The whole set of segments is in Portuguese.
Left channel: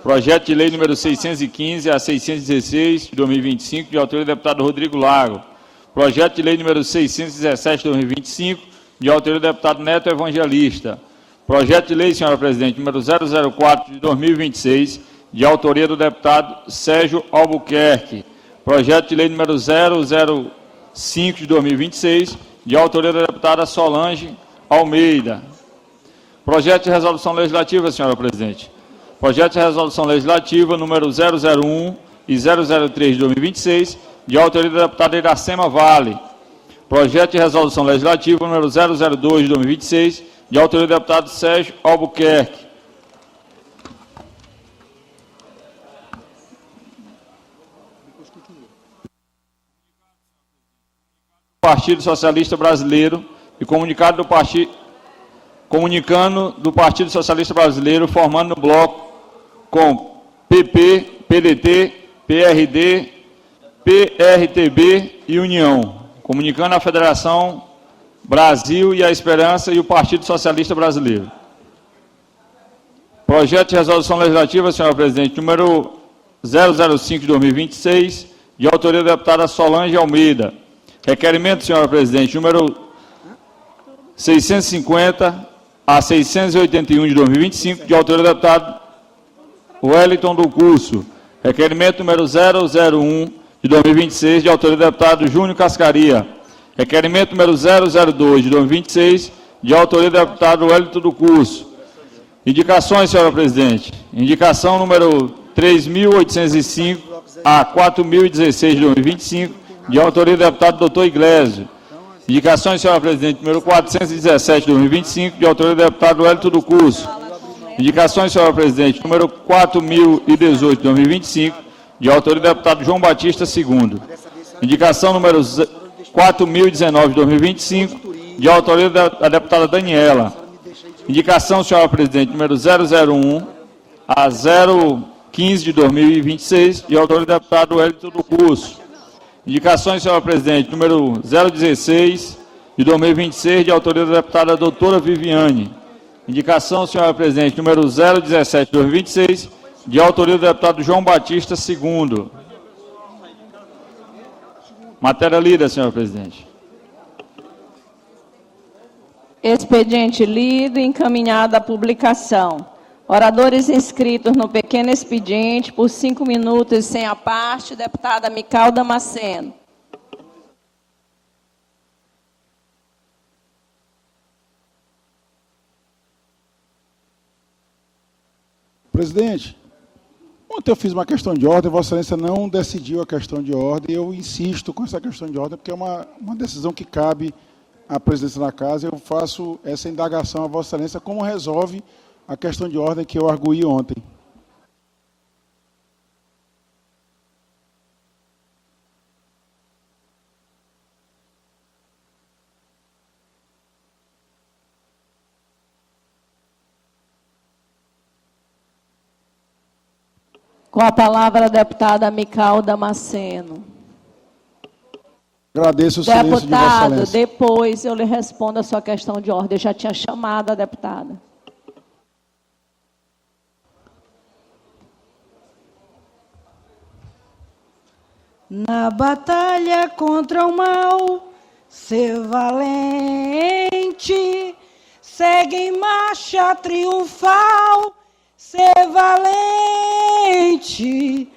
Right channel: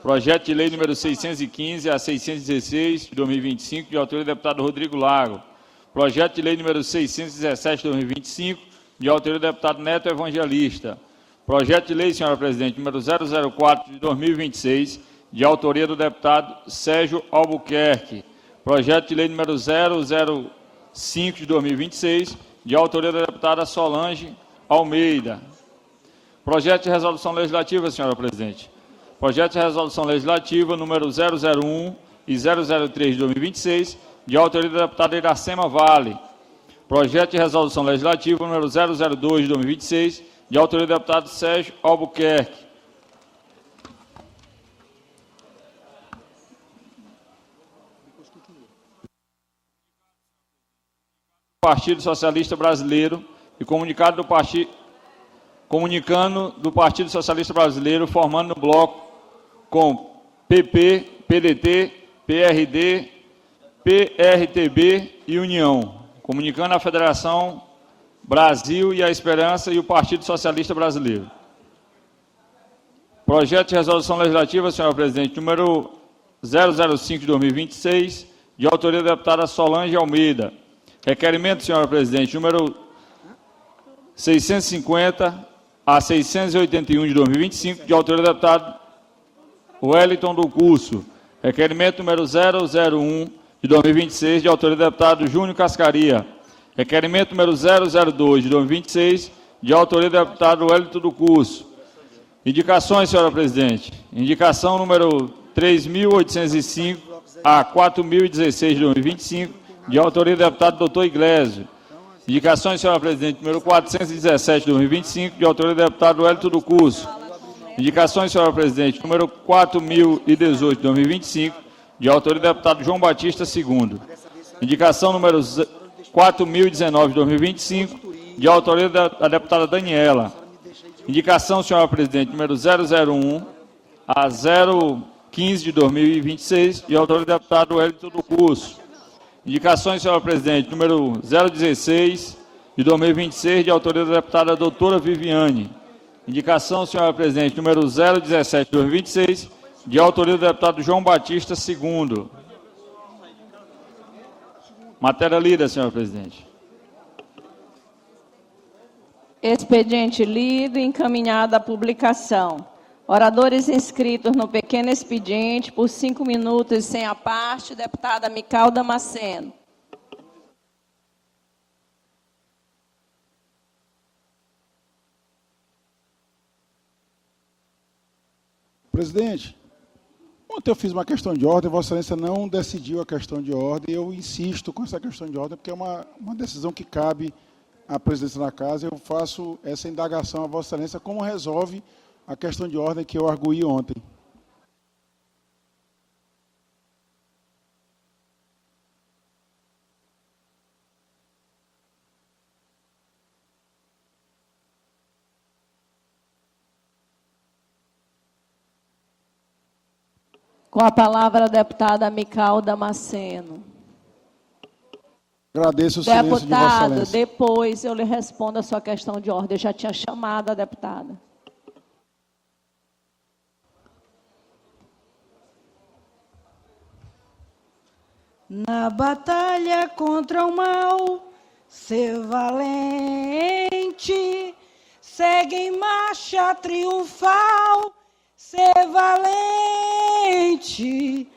Projeto de lei número 615 a 616 de 2025, de autoria do deputado Rodrigo Lago. Projeto de lei número 617 de 2025, de autoria do deputado Neto Evangelista. Projeto de lei, senhora presidente, número 004 de 2026, de autoria do deputado Sérgio Albuquerque. Projeto de lei número 005 de 2026, de autoria da deputada Solange Almeida. Projeto de resolução legislativa, senhora presidente. Projeto de resolução legislativa número 001 e 003 de 2026, de autoria da deputada Iracema Vale. Projeto de resolução legislativa número 002 de 2026, de autoria do deputado Sérgio Albuquerque. Partido Socialista Brasileiro e comunicando do Partido Socialista Brasileiro, formando no bloco com PP, PDT, PRD, PRTB e União, comunicando à Federação Brasil e a Esperança e o Partido Socialista Brasileiro. Projeto de resolução legislativa, senhora presidente, número 005 de 2026, de autoria da deputada Solange Almeida. Requerimento, senhora presidente, número 650 a 681 de 2025, de autoria do deputado Wellington do Curso. Requerimento número 001 de 2026, de autoria do deputado Júnior Cascaria. Requerimento número 002 de 2026, de autoria do deputado Wellington do Curso. Indicações, senhora presidente. Indicação número 3.805 a 4.016 de 2025, de autoria do deputado Dr. Iglesias. Indicações, senhora presidente, número 417 de 2025, de autoria do deputado Wellington do Curso. Indicações, senhora presidente, número 4.018 de 2025, de autoria do deputado João Batista II. Indicação número 4.019 de 2025, de autoria da deputada Daniela. Indicação, senhora presidente, número 001 a 015 de 2026, de autoria do deputado Wellington do Curso. Indicações, senhora presidente, número 016 de 2026, de autoria da deputada doutora Viviane. Indicação, senhora presidente, número 017 de 2026, de autoria do deputado João Batista II. Matéria lida, senhora presidente. Expediente lido e encaminhado à publicação. Oradores inscritos no pequeno expediente, por 5 minutos, sem a parte, deputada Mical Damasceno. Presidente, ontem eu fiz uma questão de ordem, Vossa Excelência não decidiu a questão de ordem, eu insisto com essa questão de ordem, porque é uma decisão que cabe à presidência da Casa, eu faço essa indagação a Vossa Excelência, como resolve a questão de ordem que eu arguí ontem. Com a palavra a deputada Mical Damasceno. Agradeço o silêncio de Vossa Deputado, Excelência. depois eu lhe respondo a sua questão de ordem. Eu já tinha chamado a deputada. Na batalha contra o mal, ser valente, segue em marcha triunfal, ser valente.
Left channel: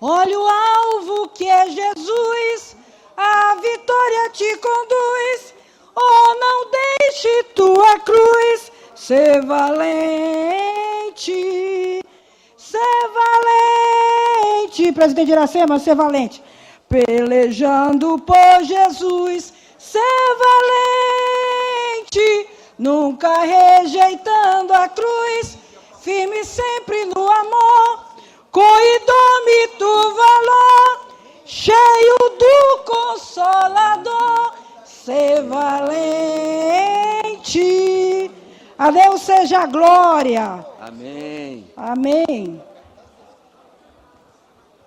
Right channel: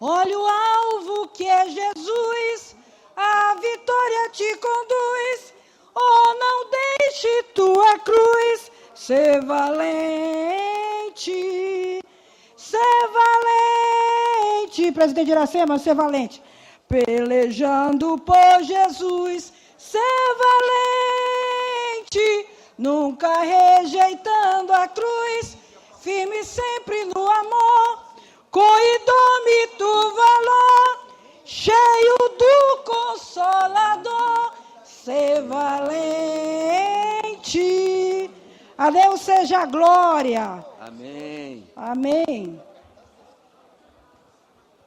Olha o alvo que é Jesus, a vitória te conduz. Oh, não deixe tua cruz, ser valente, ser valente. Presidente Iracema, ser valente. Pelejando por Jesus, ser valente, nunca rejeitando a cruz, firme sempre no amor, com indômito valor, cheio do Consolador, ser valente. A Deus seja a glória. Amém. Amém.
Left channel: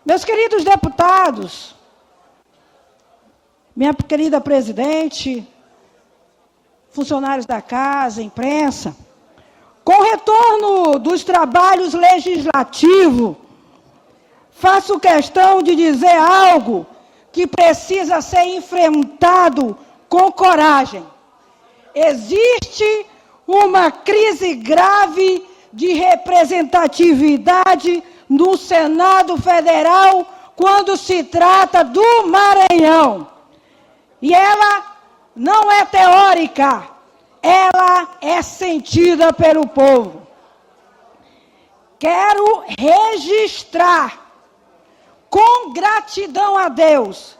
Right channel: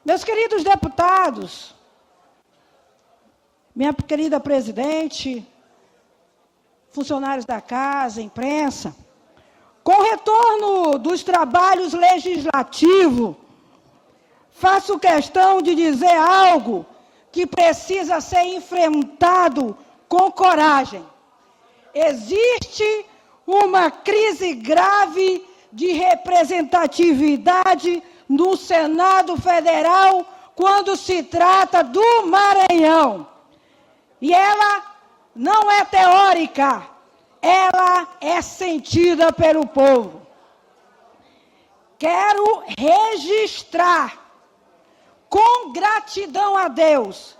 Meus queridos deputados, minha querida presidente, funcionários da casa, imprensa, Com o retorno dos trabalhos legislativos, faço questão de dizer algo que precisa ser enfrentado com coragem. Existe uma crise grave de representatividade no Senado Federal quando se trata do Maranhão. E ela não é teórica, ela é sentida pelo povo. Quero registrar, com gratidão a Deus,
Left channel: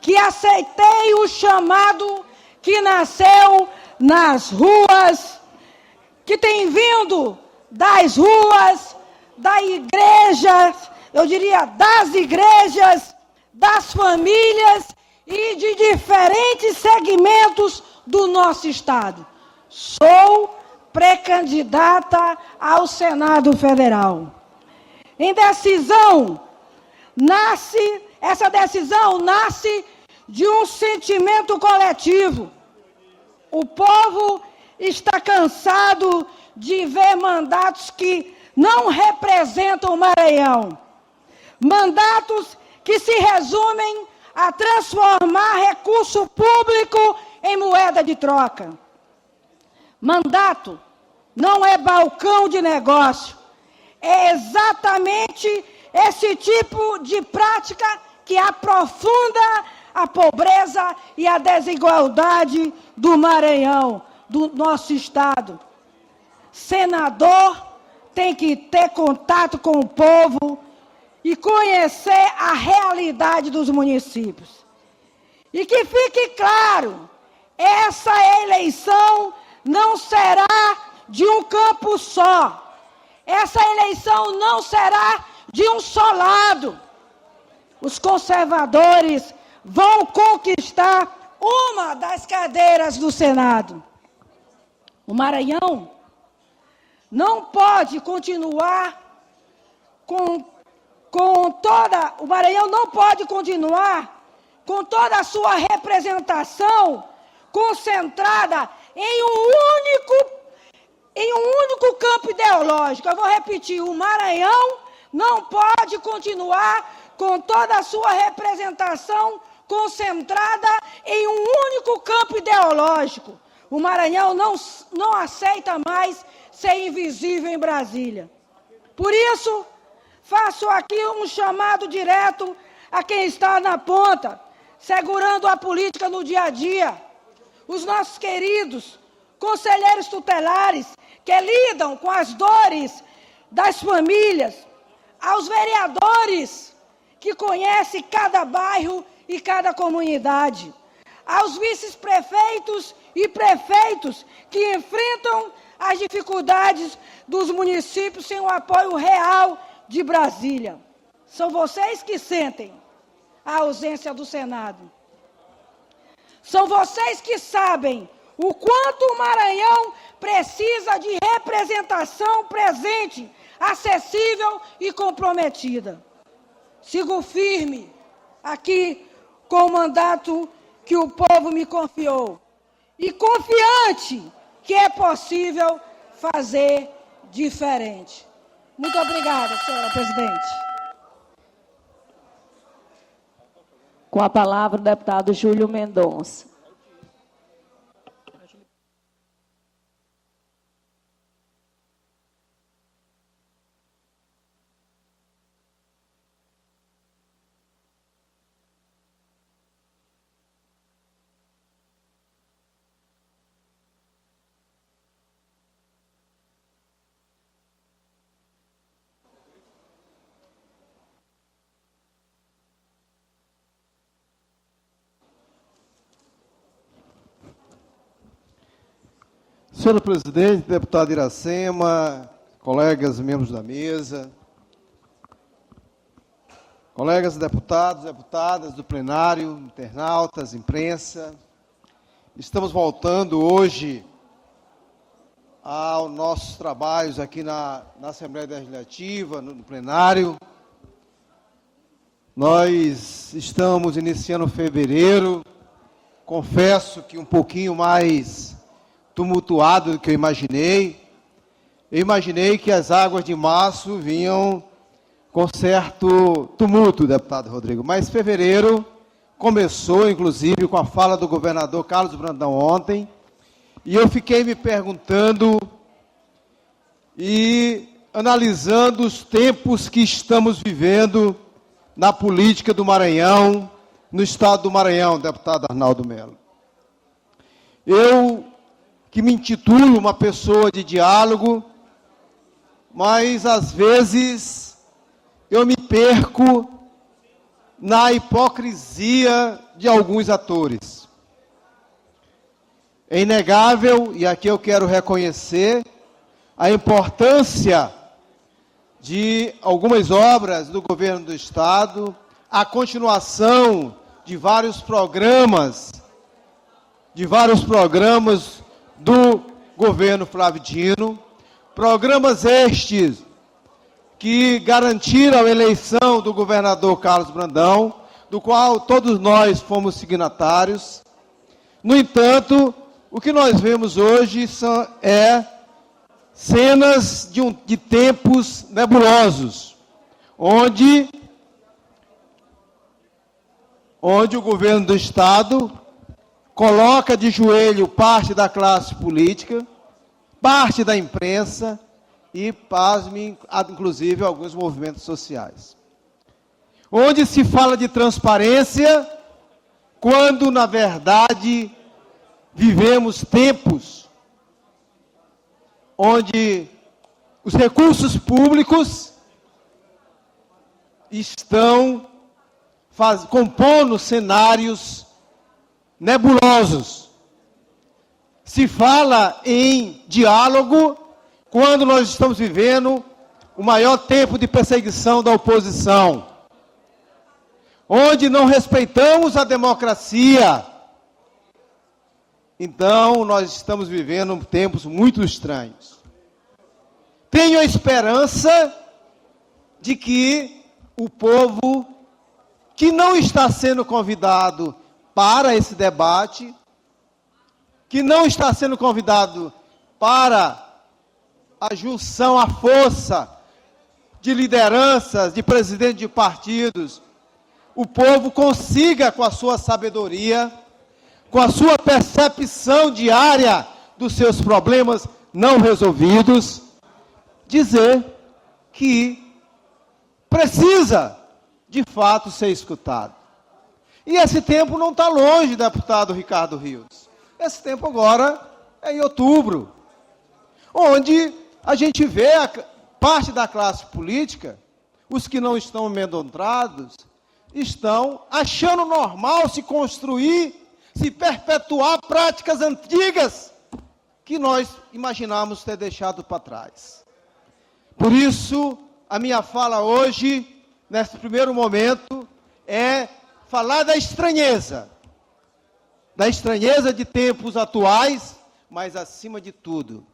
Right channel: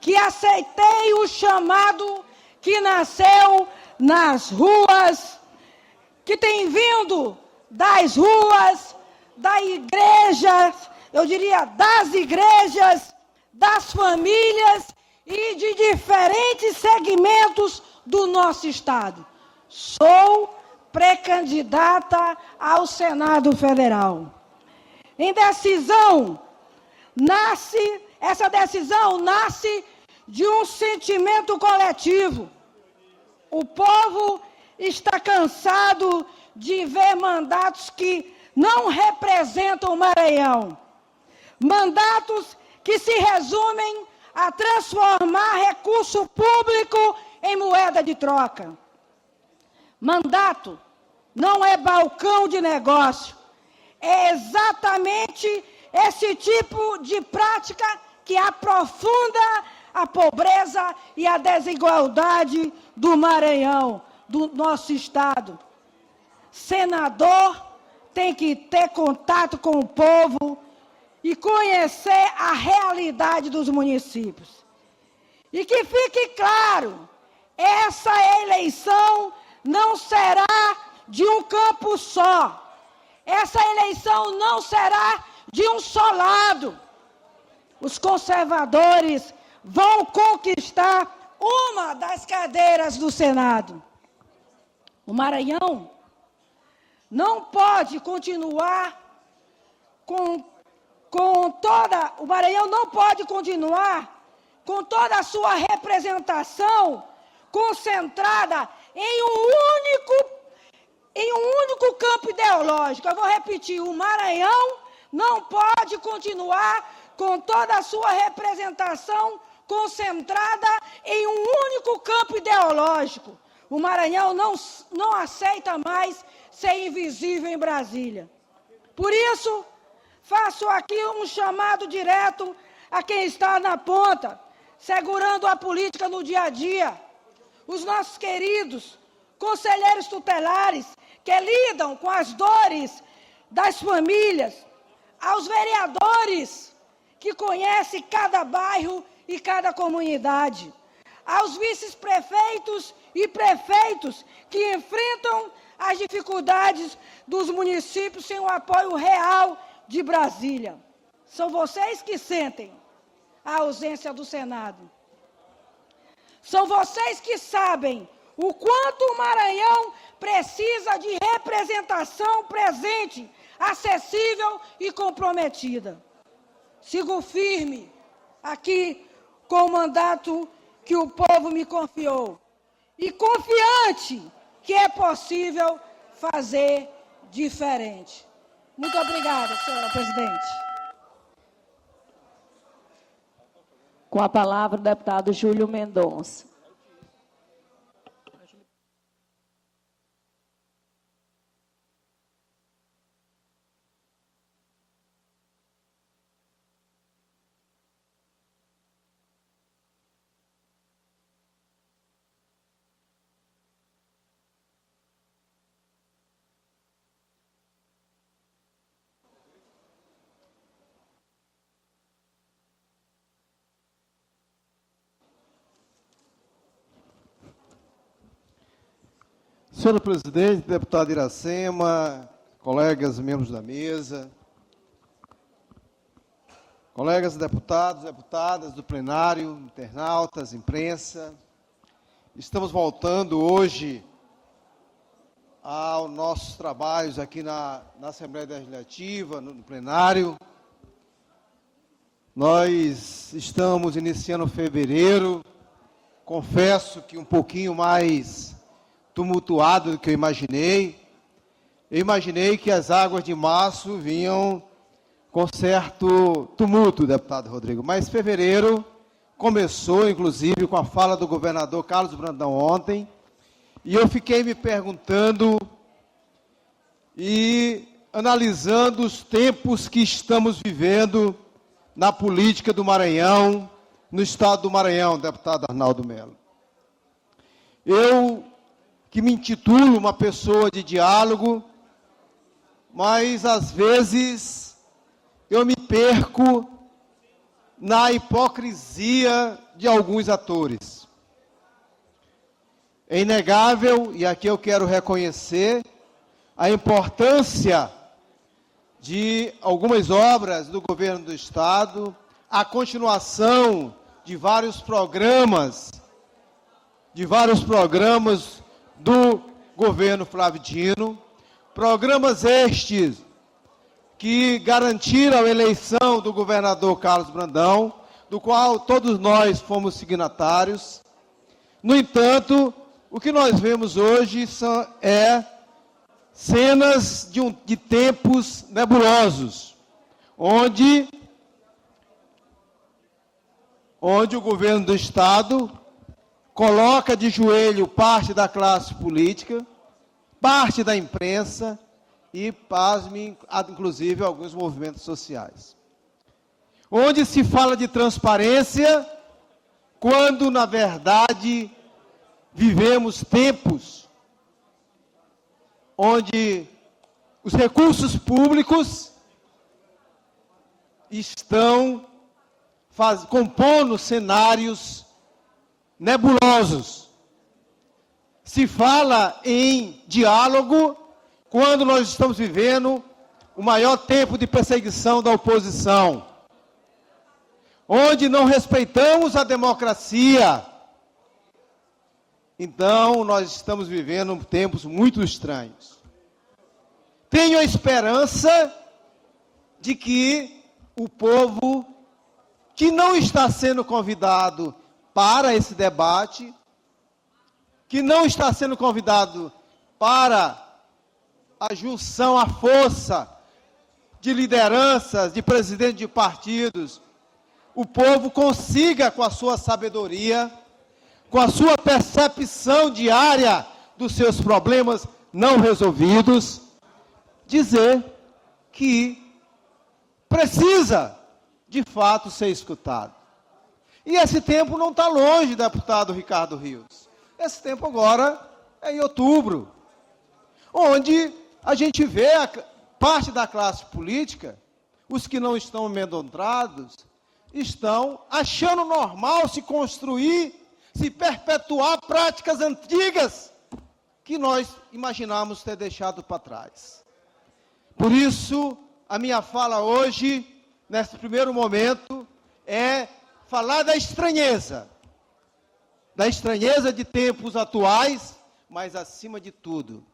que aceitei o chamado que nasceu nas ruas, que tem vindo das ruas, da igreja, eu diria das igrejas, das famílias e de diferentes segmentos do nosso Estado. Sou pré-candidata ao Senado Federal. Essa decisão nasce de um sentimento coletivo. O povo está cansado de ver mandatos que não representam o Maranhão. Mandatos que se resumem a transformar recurso público em moeda de troca. Mandato não é balcão de negócio. É exatamente esse tipo de prática que aprofunda a pobreza e a desigualdade do Maranhão, do nosso Estado. Senador tem que ter contato com o povo e conhecer a realidade dos municípios. E que fique claro, essa eleição não será de um campo só. Essa eleição não será de um só lado. Os conservadores vão conquistar uma das cadeiras do Senado. O Maranhão não pode continuar o Maranhão não pode continuar com toda a sua representação concentrada em um único campo ideológico. Eu vou repetir, o Maranhão não pode continuar com toda a sua representação concentrada em um único campo ideológico. O Maranhão não aceita mais ser invisível em Brasília. Por isso, faço aqui um chamado direto a quem está na ponta, segurando a política no dia a dia. Os nossos queridos conselheiros tutelares que lidam com as dores das famílias, aos vereadores que conhecem cada bairro e cada comunidade, aos vice-prefeitos e prefeitos que enfrentam as dificuldades dos municípios sem o apoio real de Brasília. São vocês que sentem a ausência do Senado. São vocês que sabem o quanto o Maranhão precisa de representação presente, acessível e comprometida. Sigo firme aqui com o mandato que o povo me confiou e confiante que é possível fazer diferente. Muito obrigada, senhora presidente. Com a palavra, o deputado Júlio Mendonça. Senhor presidente, deputado Iracema, colegas membros da mesa, colegas deputados, deputadas do plenário, internautas, imprensa, estamos voltando hoje aos nossos trabalhos aqui na Assembleia Legislativa, no plenário. Nós estamos iniciando fevereiro, confesso que um pouquinho mais tumultuado do que eu imaginei. eu imaginei que as águas de março vinham com certo tumulto, deputado Rodrigo, mas fevereiro começou, inclusive, com a fala do governador Carlos Brandão ontem, e eu fiquei me perguntando e analisando os tempos que estamos vivendo na política do Maranhão, no estado do Maranhão, deputado Arnaldo Melo. Eu, que me intitulo uma pessoa de diálogo, mas às vezes eu me perco na hipocrisia de alguns atores. É inegável, e aqui eu quero reconhecer, a importância de algumas obras do governo do Estado, a continuação de vários programas do governo Flávio Dino, programas estes que garantiram a eleição do governador Carlos Brandão, do qual todos nós fomos signatários. No entanto, o que nós vemos hoje é cenas de tempos nebulosos, onde o governo do Estado coloca de joelho parte da classe política, parte da imprensa e, pasmem, inclusive alguns movimentos sociais. Onde se fala de transparência, quando, na verdade, vivemos tempos onde os recursos públicos estão compondo cenários nebulosos. Se fala em diálogo quando nós estamos vivendo o maior tempo de perseguição da oposição, onde não respeitamos a democracia. Então, nós estamos vivendo tempos muito estranhos. Tenho a esperança de que o povo que não está sendo convidado para esse debate, que não está sendo convidado para a junção, a força de lideranças, de presidentes de partidos, o povo consiga, com a sua sabedoria, com a sua percepção diária dos seus problemas não resolvidos, dizer que precisa, de fato, ser escutado. E esse tempo não está longe, deputado Ricardo Rios. Esse tempo agora é em outubro, onde a gente vê a parte da classe política, os que não estão amedrontados, estão achando normal se construir, se perpetuar práticas antigas que nós imaginamos ter deixado para trás. Por isso, a minha fala hoje, nesse primeiro momento, é falar da estranheza de tempos atuais, mas, acima de tudo,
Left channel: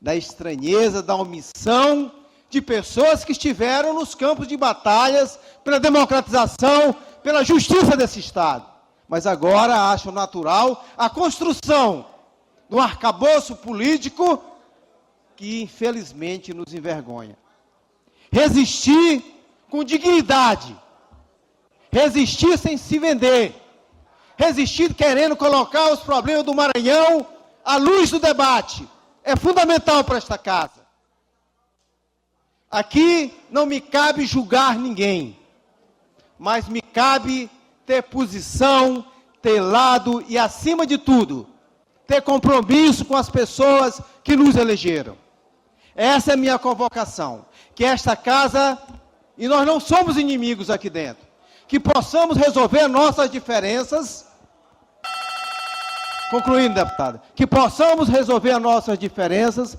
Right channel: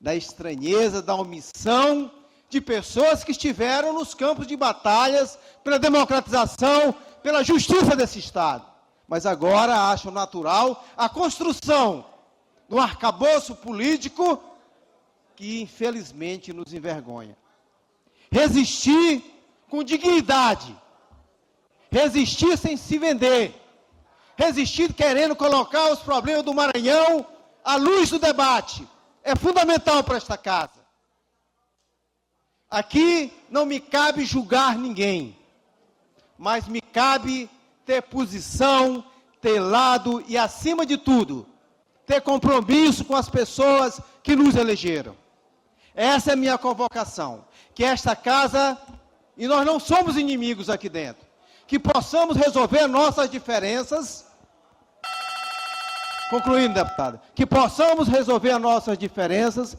da estranheza, da omissão de pessoas que estiveram nos campos de batalhas pela democratização, pela justiça desse Estado. Mas agora acham natural a construção de um arcabouço político que, infelizmente, nos envergonha. Resistir com dignidade, resistir sem se vender, resistir querendo colocar os problemas do Maranhão à luz do debate, é fundamental para esta casa. Aqui não me cabe julgar ninguém, mas me cabe ter posição, ter lado e, acima de tudo, ter compromisso com as pessoas que nos elegeram. Essa é a minha convocação, que esta casa, e nós não somos inimigos aqui dentro, que possamos resolver nossas diferenças, concluindo, deputada, que possamos resolver as nossas diferenças,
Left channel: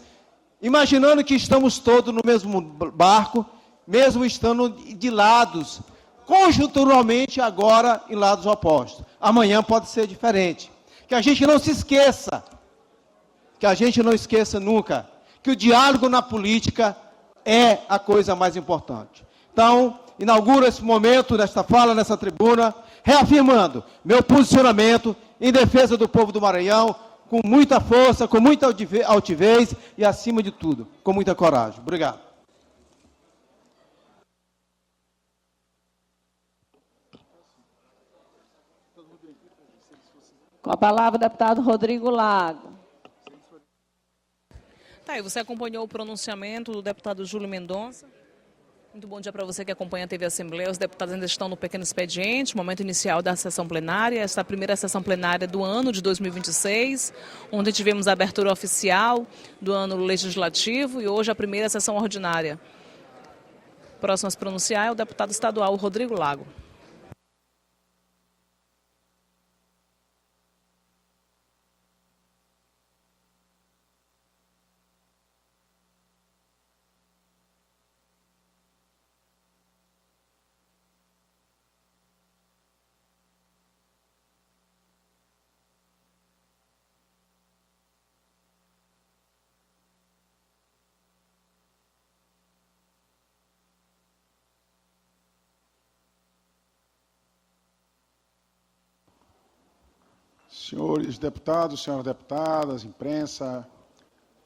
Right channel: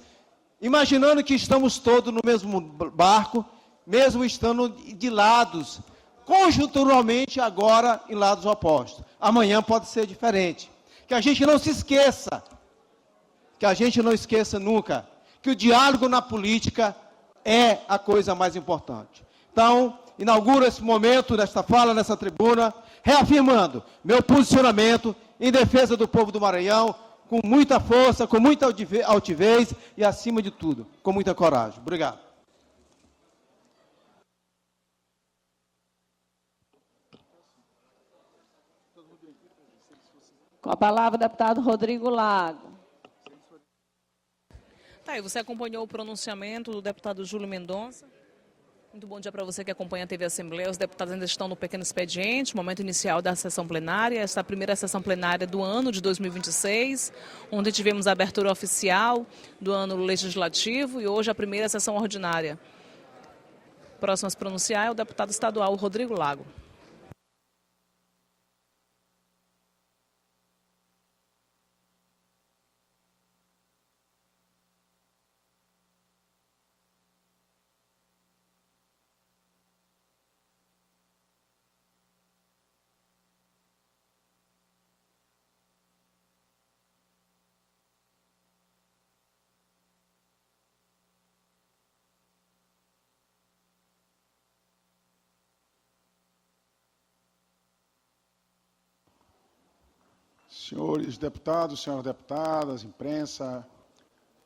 imaginando que estamos todos no mesmo barco, mesmo estando de lados, conjunturalmente agora em lados opostos. Amanhã pode ser diferente. Que a gente não se esqueça, que a gente não esqueça nunca, que o diálogo na política é a coisa mais importante. Então, inauguro esse momento desta fala, nessa tribuna, reafirmando meu posicionamento em defesa do povo do Maranhão, com muita força, com muita altivez e, acima de tudo, com muita coragem. Obrigado. Com a palavra, o deputado Rodrigo Lago. Tá aí, você acompanhou o pronunciamento do deputado Júlio Mendonça. Muito bom dia para você que acompanha a TV Assembleia. Os deputados ainda estão no pequeno expediente, momento inicial da sessão plenária. Esta é a primeira sessão plenária do ano de 2026, onde tivemos a abertura oficial do ano legislativo e hoje a primeira sessão ordinária. Próximo a se pronunciar é o deputado estadual Rodrigo Lago. Senhores deputados, senhoras deputadas, imprensa,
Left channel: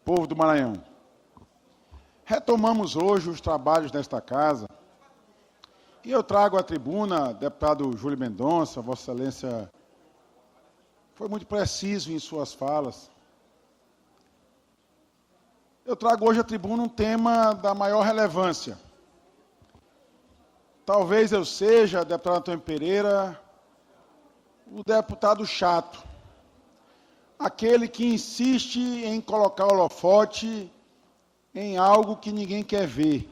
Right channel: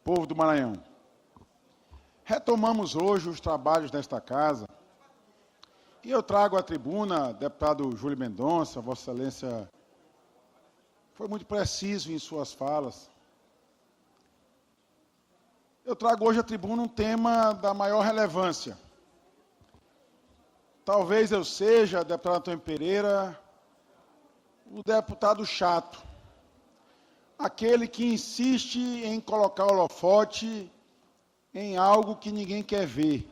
povo do Maranhão. Retomamos hoje os trabalhos desta casa e eu trago à tribuna, deputado Júlio Mendonça, Vossa Excelência foi muito preciso em suas falas. Eu trago hoje à tribuna um tema da maior relevância. Talvez eu seja, deputado Antônio Pereira, o deputado chato, aquele que insiste em colocar o holofote em algo que ninguém quer ver.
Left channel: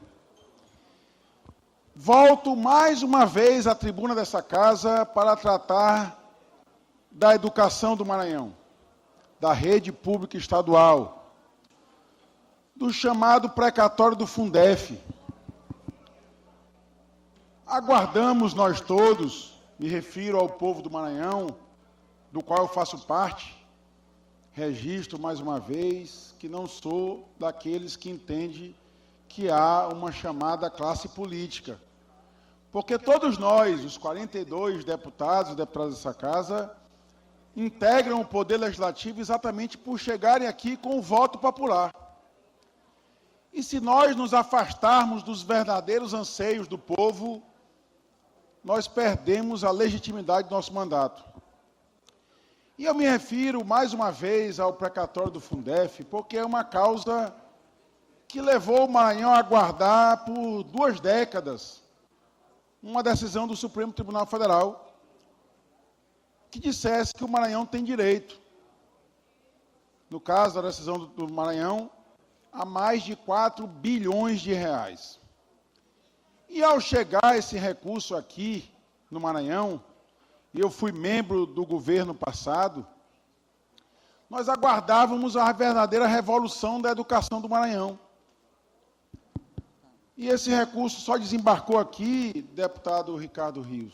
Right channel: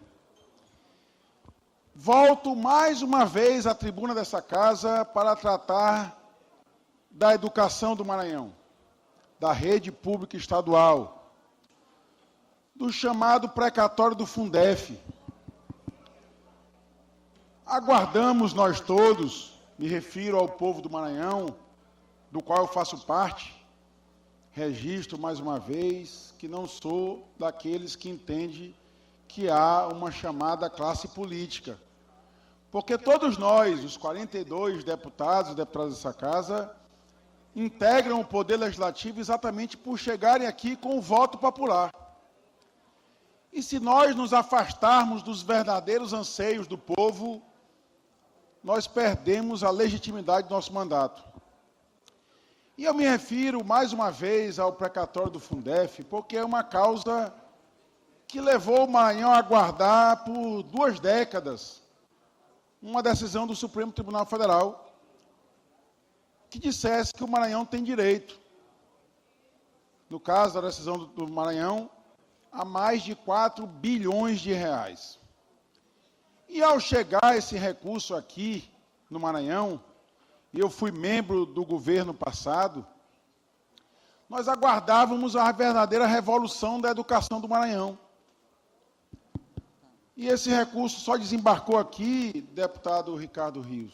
Volto mais uma vez à tribuna dessa casa para tratar da educação do Maranhão, da rede pública estadual, do chamado precatório do Fundef. Aguardamos nós todos, me refiro ao povo do Maranhão, do qual eu faço parte, registro mais uma vez que não sou daqueles que entendem que há uma chamada classe política. Porque todos nós, os 42 deputados e deputadas dessa casa, integram o Poder Legislativo exatamente por chegarem aqui com o voto popular. E se nós nos afastarmos dos verdadeiros anseios do povo, nós perdemos a legitimidade do nosso mandato. E eu me refiro mais uma vez ao precatório do Fundef, porque é uma causa que levou o Maranhão a aguardar por 2 décadas uma decisão do Supremo Tribunal Federal que dissesse que o Maranhão tem direito, no caso da decisão do Maranhão, a mais de 4 bilhões de reais. E ao chegar esse recurso aqui no Maranhão, e eu fui membro do governo passado, nós aguardávamos a verdadeira revolução da educação do Maranhão. E esse recurso só desembarcou aqui, deputado Ricardo Rios,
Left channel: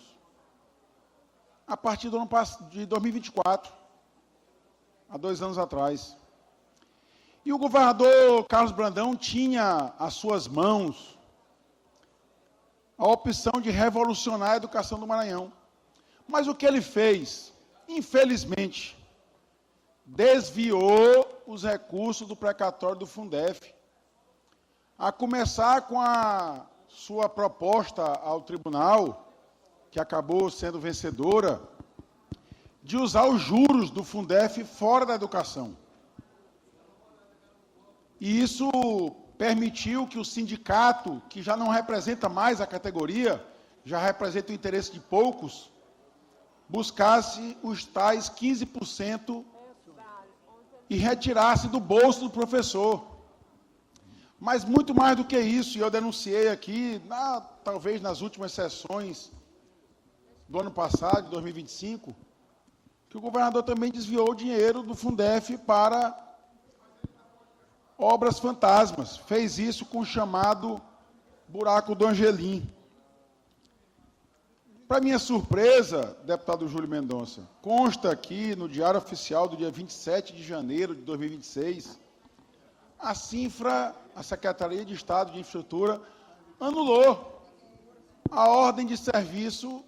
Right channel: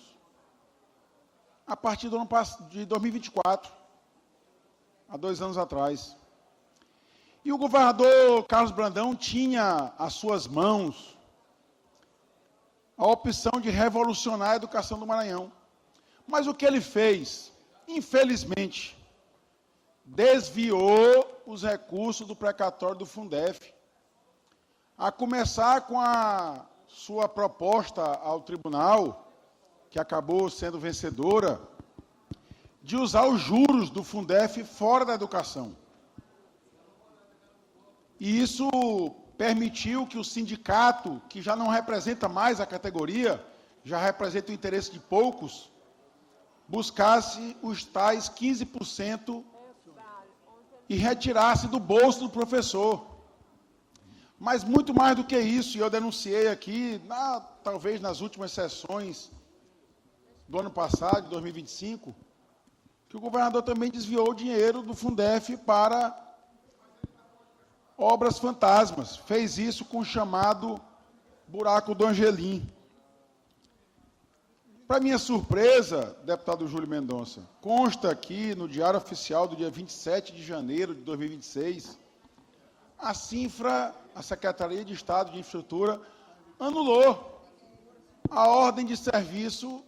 a partir do ano de 2024, há 2 anos atrás. E o governador Carlos Brandão tinha às suas mãos a opção de revolucionar a educação do Maranhão. Mas o que ele fez, infelizmente, desviou os recursos do precatório do Fundef, a começar com a sua proposta ao tribunal, que acabou sendo vencedora, de usar os juros do Fundef fora da educação. E isso permitiu que o sindicato, que já não representa mais a categoria, já representa o interesse de poucos, buscasse os tais 15% e retirasse do bolso do professor. Mas muito mais do que isso, e eu denunciei aqui, talvez nas últimas sessões do ano passado, de 2025, que o governador também desviou o dinheiro do Fundef para obras fantasmas. Fez isso com o chamado buraco do Angelim. Para minha surpresa, deputado Júlio Mendonça, consta aqui no Diário Oficial do dia 27 de janeiro de 2026, a CINFRA, a Secretaria de Estado de Infraestrutura, anulou a ordem de serviço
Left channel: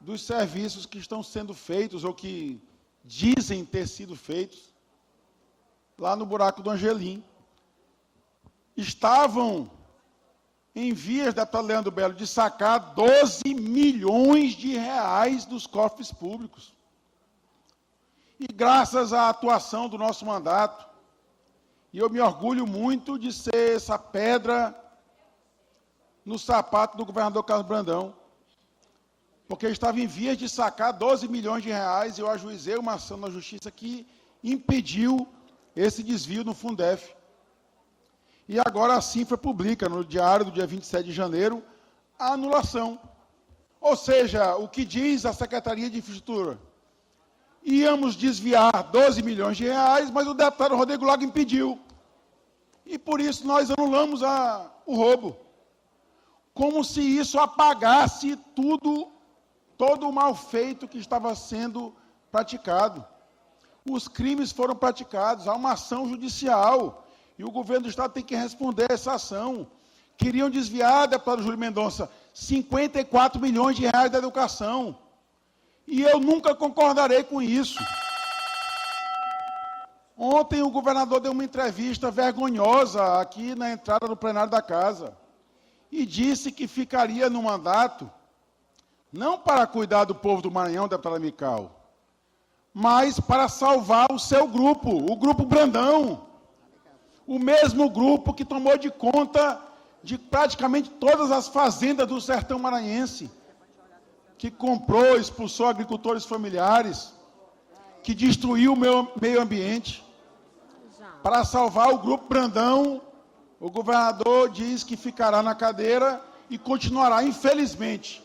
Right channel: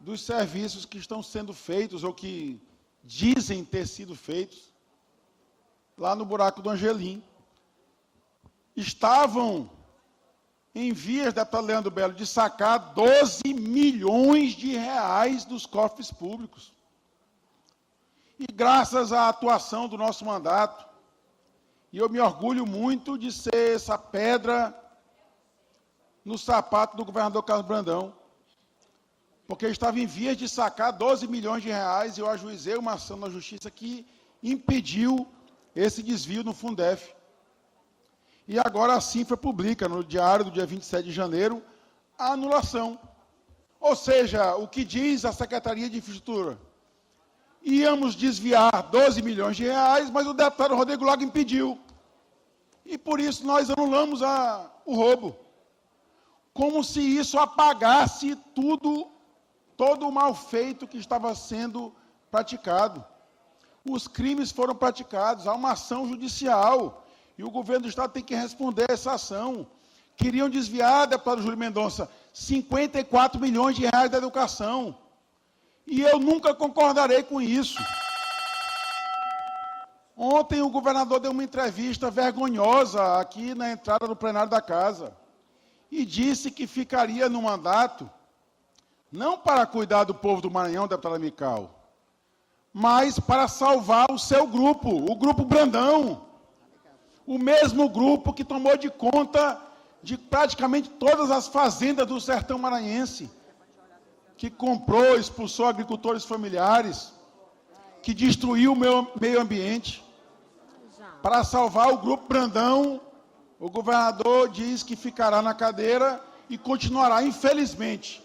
dos serviços que estão sendo feitos ou que dizem ter sido feitos lá no buraco do Angelim. Estavam em vias, deputado Leandro Belo, de sacar 12 milhões de reais dos cofres públicos. E graças à atuação do nosso mandato, e eu me orgulho muito de ser essa pedra no sapato do governador Carlos Brandão, porque estava em vias de sacar 12 milhões de reais, e eu ajuizei uma ação na Justiça que impediu esse desvio no Fundef. E agora a Cifra publica, no diário do dia 27 de janeiro, a anulação. Ou seja, o que diz a Secretaria de Infraestrutura? Íamos desviar 12 milhões de reais, mas o deputado Rodrigo Lago impediu. E por isso nós anulamos o roubo. Como se isso apagasse todo o mal feito que estava sendo praticado. Os crimes foram praticados, há uma ação judicial. E o governo do Estado tem que responder a essa ação. Queriam desviar, deputado Júlio Mendonça, 54 milhões de reais da educação. E eu nunca concordarei com isso. Ontem o governador deu uma entrevista vergonhosa aqui na entrada do plenário da casa. E disse que ficaria no mandato, não para cuidar do povo do Maranhão, deputado Amical, mas para salvar o seu grupo, o Grupo Brandão. O mesmo grupo que tomou de conta de praticamente todas as fazendas do sertão maranhense, que comprou, expulsou agricultores familiares, que destruiu o meio ambiente. Para salvar o Grupo Brandão, o governador diz que ficará na cadeira e continuará, infelizmente,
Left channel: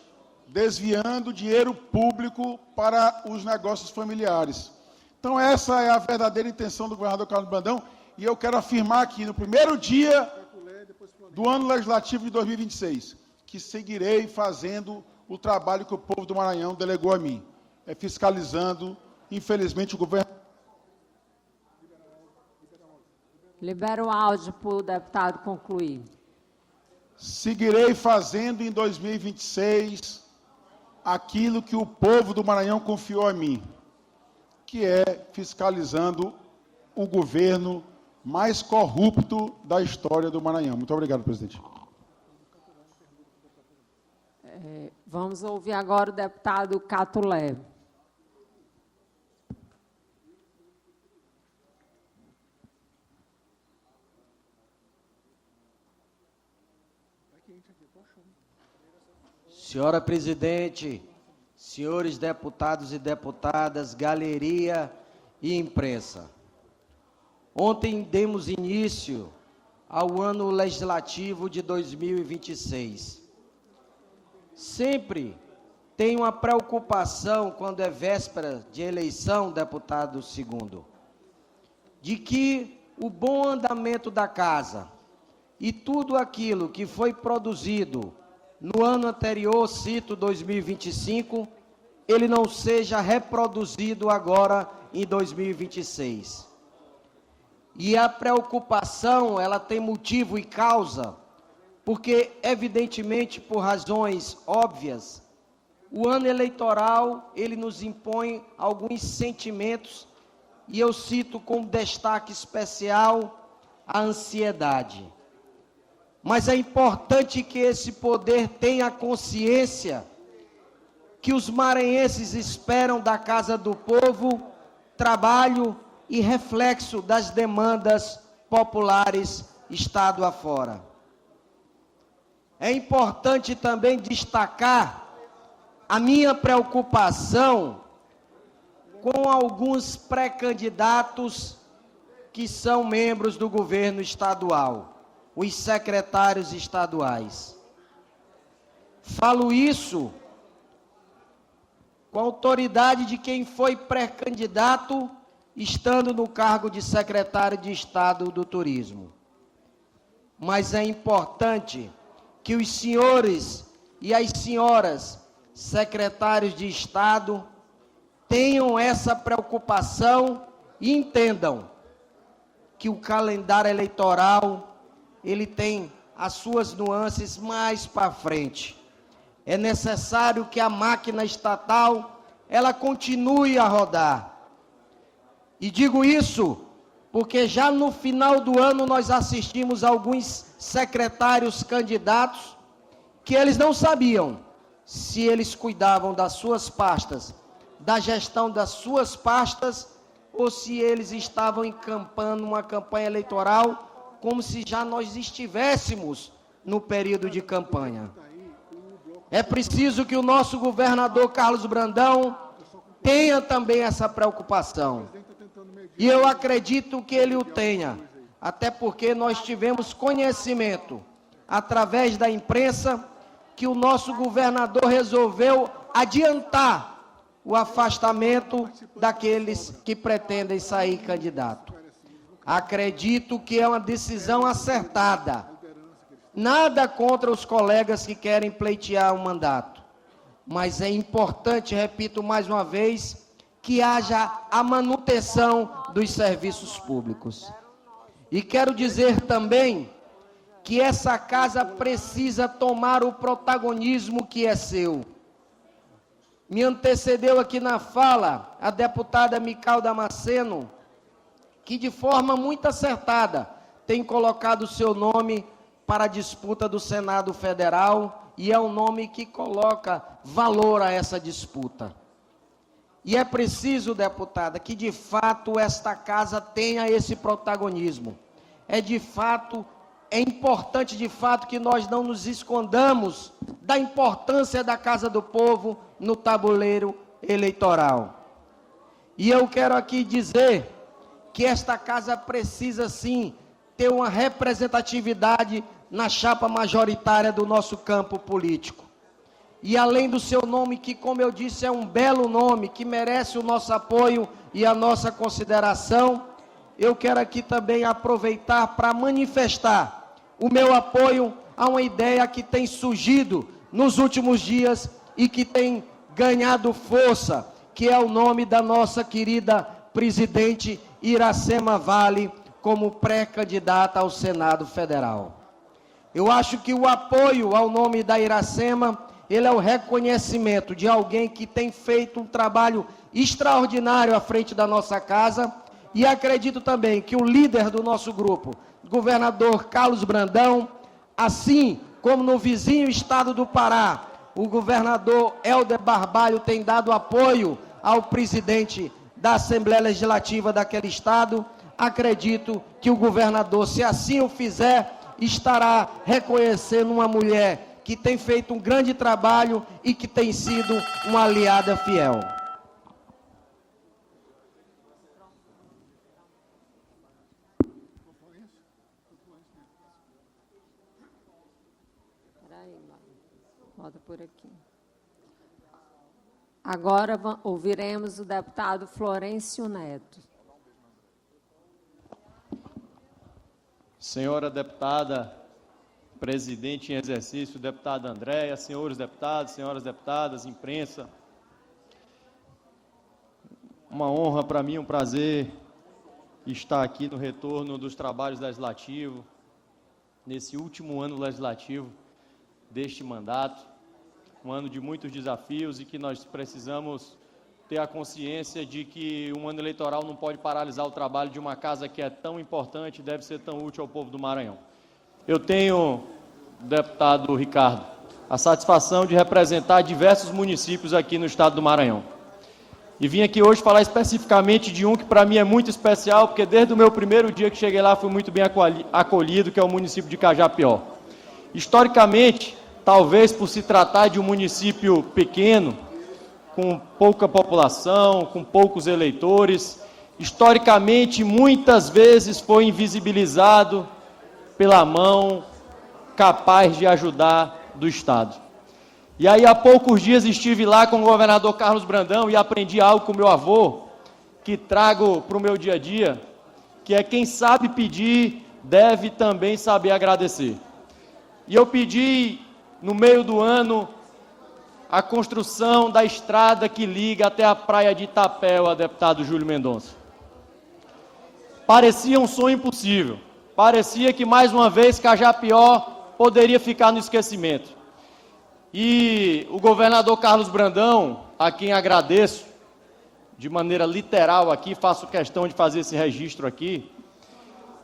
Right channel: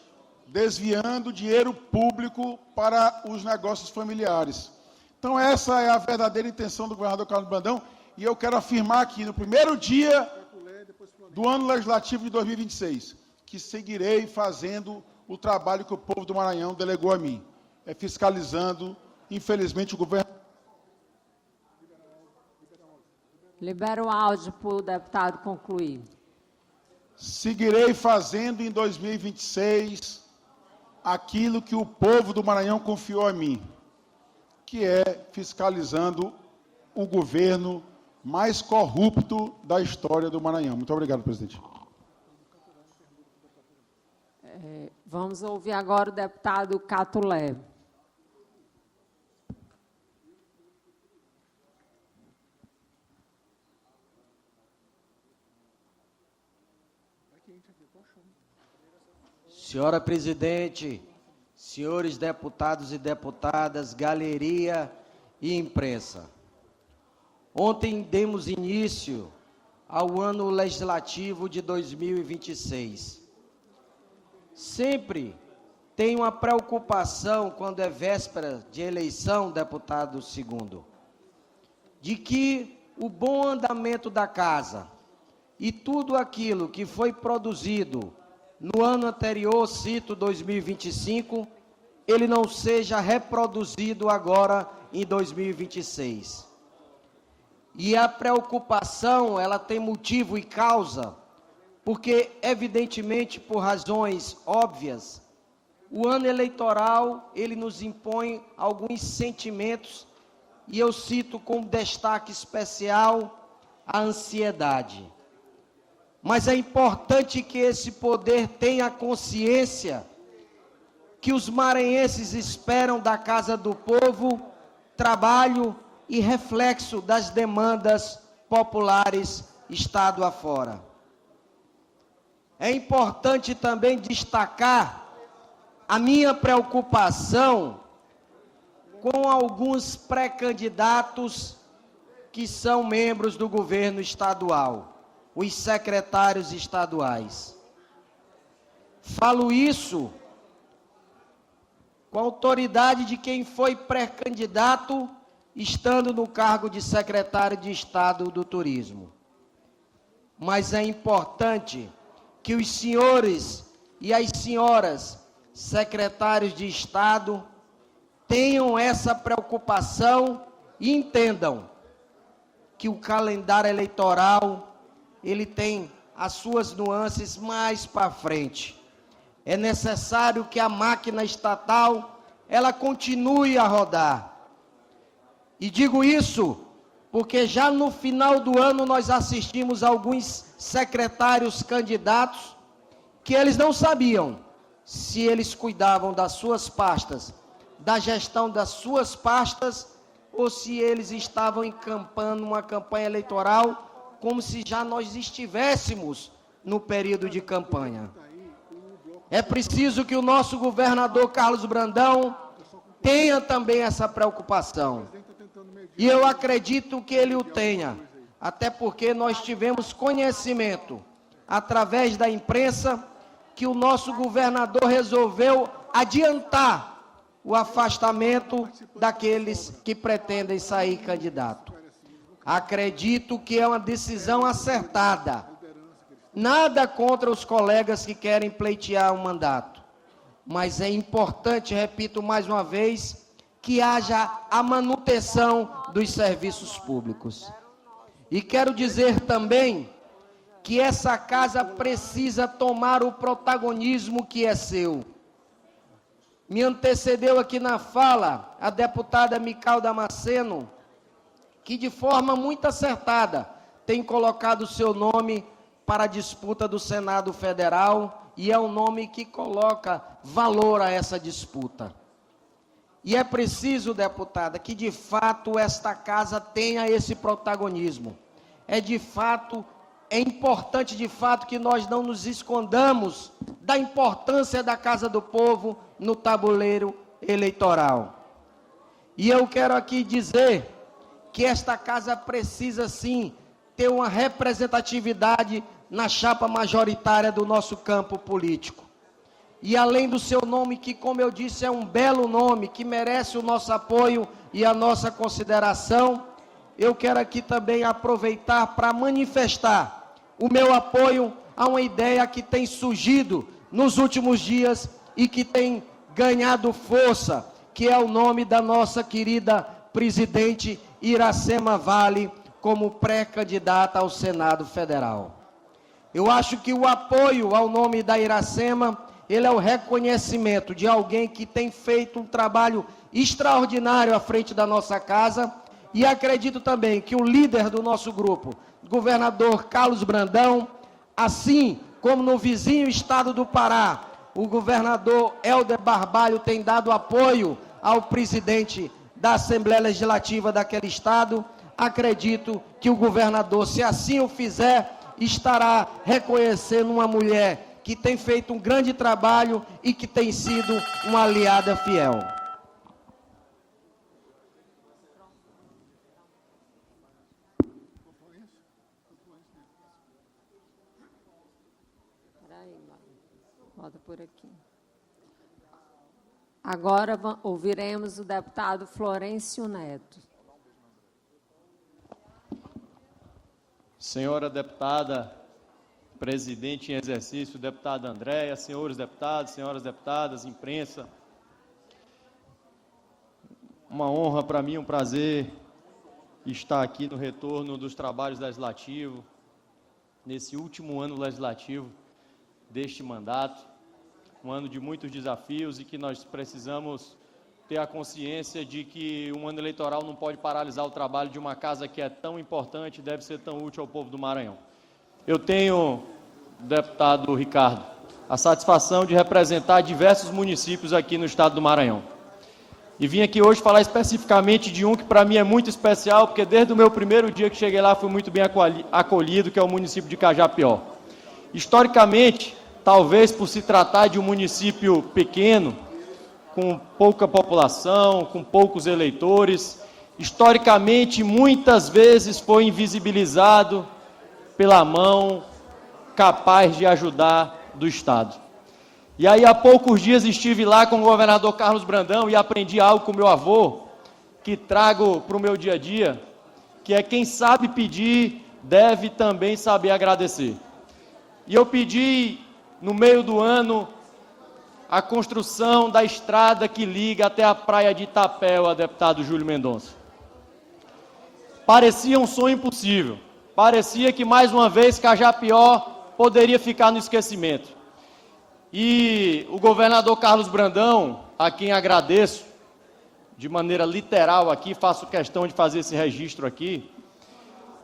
desviando dinheiro público para os negócios familiares. Então, essa é a verdadeira intenção do governador Carlos Brandão. E eu quero afirmar aqui, no primeiro dia do ano legislativo de 2026, que seguirei fazendo o trabalho que o povo do Maranhão delegou a mim, fiscalizando, infelizmente, o governo. Libera o áudio para o deputado concluir. Seguirei fazendo em 2026 aquilo que o povo do Maranhão confiou a mim, que é fiscalizando o governo mais corrupto da história do Maranhão. Muito obrigado, presidente. Vamos ouvir agora o deputado Cato Leve. Senhora presidente, senhores deputados e deputadas, galeria e imprensa. Ontem demos início ao ano legislativo de 2026. Sempre tem uma preocupação quando é véspera de eleição, deputado segundo, de que o bom andamento da casa e tudo aquilo que foi produzido no ano anterior, cito 2025, ele não seja reproduzido agora em 2026. E a preocupação, ela tem motivo e causa, porque, evidentemente, por razões óbvias, o ano eleitoral, ele nos impõe alguns sentimentos, e eu cito com destaque especial a ansiedade. Mas é importante que esse poder tenha consciência que os maranhenses esperam da Casa do Povo trabalho e reflexo das demandas populares estado afora. É importante também destacar a minha preocupação com alguns pré-candidatos que são membros do governo estadual, os secretários estaduais. Falo isso com a autoridade de quem foi pré-candidato estando no cargo de secretário de Estado do Turismo. Mas é importante que os senhores e as senhoras secretários de Estado tenham essa preocupação e entendam que o calendário eleitoral, ele tem as suas nuances mais para frente. É necessário que a máquina estatal, ela continue a rodar. E digo isso porque já no final do ano nós assistimos alguns secretários candidatos que eles não sabiam se eles cuidavam das suas pastas, da gestão das suas pastas, ou se eles estavam encampando uma campanha eleitoral como se já nós estivéssemos no período de campanha. É preciso que o nosso governador Carlos Brandão tenha também essa preocupação. E eu acredito que ele o tenha, até porque nós tivemos conhecimento, através da imprensa, que o nosso governador resolveu adiantar o afastamento daqueles que pretendem sair candidato. Acredito que é uma decisão acertada. Nada contra os colegas que querem pleitear um mandato. Mas é importante, repito mais uma vez, que haja a manutenção dos serviços públicos. E quero dizer também que essa casa precisa tomar o protagonismo que é seu. Me antecedeu aqui na fala a deputada Mical Damasceno, que de forma muito acertada tem colocado o seu nome para a disputa do Senado Federal, e é um nome que coloca valor a essa disputa. E é preciso, deputada, que de fato esta casa tenha esse protagonismo. É importante de fato que nós não nos escondamos da importância da Casa do Povo no tabuleiro eleitoral. E eu quero aqui dizer que esta casa precisa sim ter uma representatividade na chapa majoritária do nosso campo político. E além do seu nome, que como eu disse é um belo nome, que merece o nosso apoio e a nossa consideração, eu quero aqui também aproveitar para manifestar o meu apoio a uma ideia que tem surgido nos últimos dias e que tem ganhado força, que é o nome da nossa querida presidente Iracema Vale como pré-candidata ao Senado Federal. Eu acho que o apoio ao nome da Iracema, ele é o reconhecimento de alguém que tem feito um trabalho extraordinário à frente da nossa casa, e acredito também que o líder do nosso grupo, governador Carlos Brandão, assim como no vizinho estado do Pará, o governador Helder Barbalho tem dado apoio ao presidente da Assembleia Legislativa daquele estado. Acredito que o governador, se assim o fizer, estará reconhecendo uma mulher que tem feito um grande trabalho e que tem sido uma aliada fiel. Volta por aqui. Agora ouviremos o deputado Florencio Neto. Senhora deputada, presidente em exercício, deputada Andréia, senhores deputados, senhoras deputadas, imprensa, uma honra para mim, um prazer estar aqui no retorno dos trabalhos legislativos, nesse último ano legislativo deste mandato, um ano de muitos desafios e que nós precisamos ter a consciência de que um ano eleitoral não pode paralisar o trabalho de uma casa que é tão importante e deve ser tão útil ao povo do Maranhão. Eu tenho, deputado Ricardo, a satisfação de representar diversos municípios aqui no estado do Maranhão. E vim aqui hoje falar especificamente de um que para mim é muito especial, porque desde o meu primeiro dia que cheguei lá fui muito bem acolhido, que é o município de Cajapió. Historicamente, talvez por se tratar de um município pequeno, com pouca população, com poucos eleitores, historicamente, muitas vezes foi invisibilizado pela mão capaz de ajudar do Estado. E aí, há poucos dias, estive lá com o governador Carlos Brandão e aprendi algo com meu avô, que trago para o meu dia a dia, que é quem sabe pedir, deve também saber agradecer. E eu pedi, no meio do ano, a construção da estrada que liga até a praia de Itapéua, deputado Júlio Mendonça. Parecia um sonho impossível. Parecia que, mais uma vez, Cajapió poderia ficar no esquecimento. E o governador Carlos Brandão, a quem agradeço, de maneira literal aqui, faço questão de fazer esse registro aqui,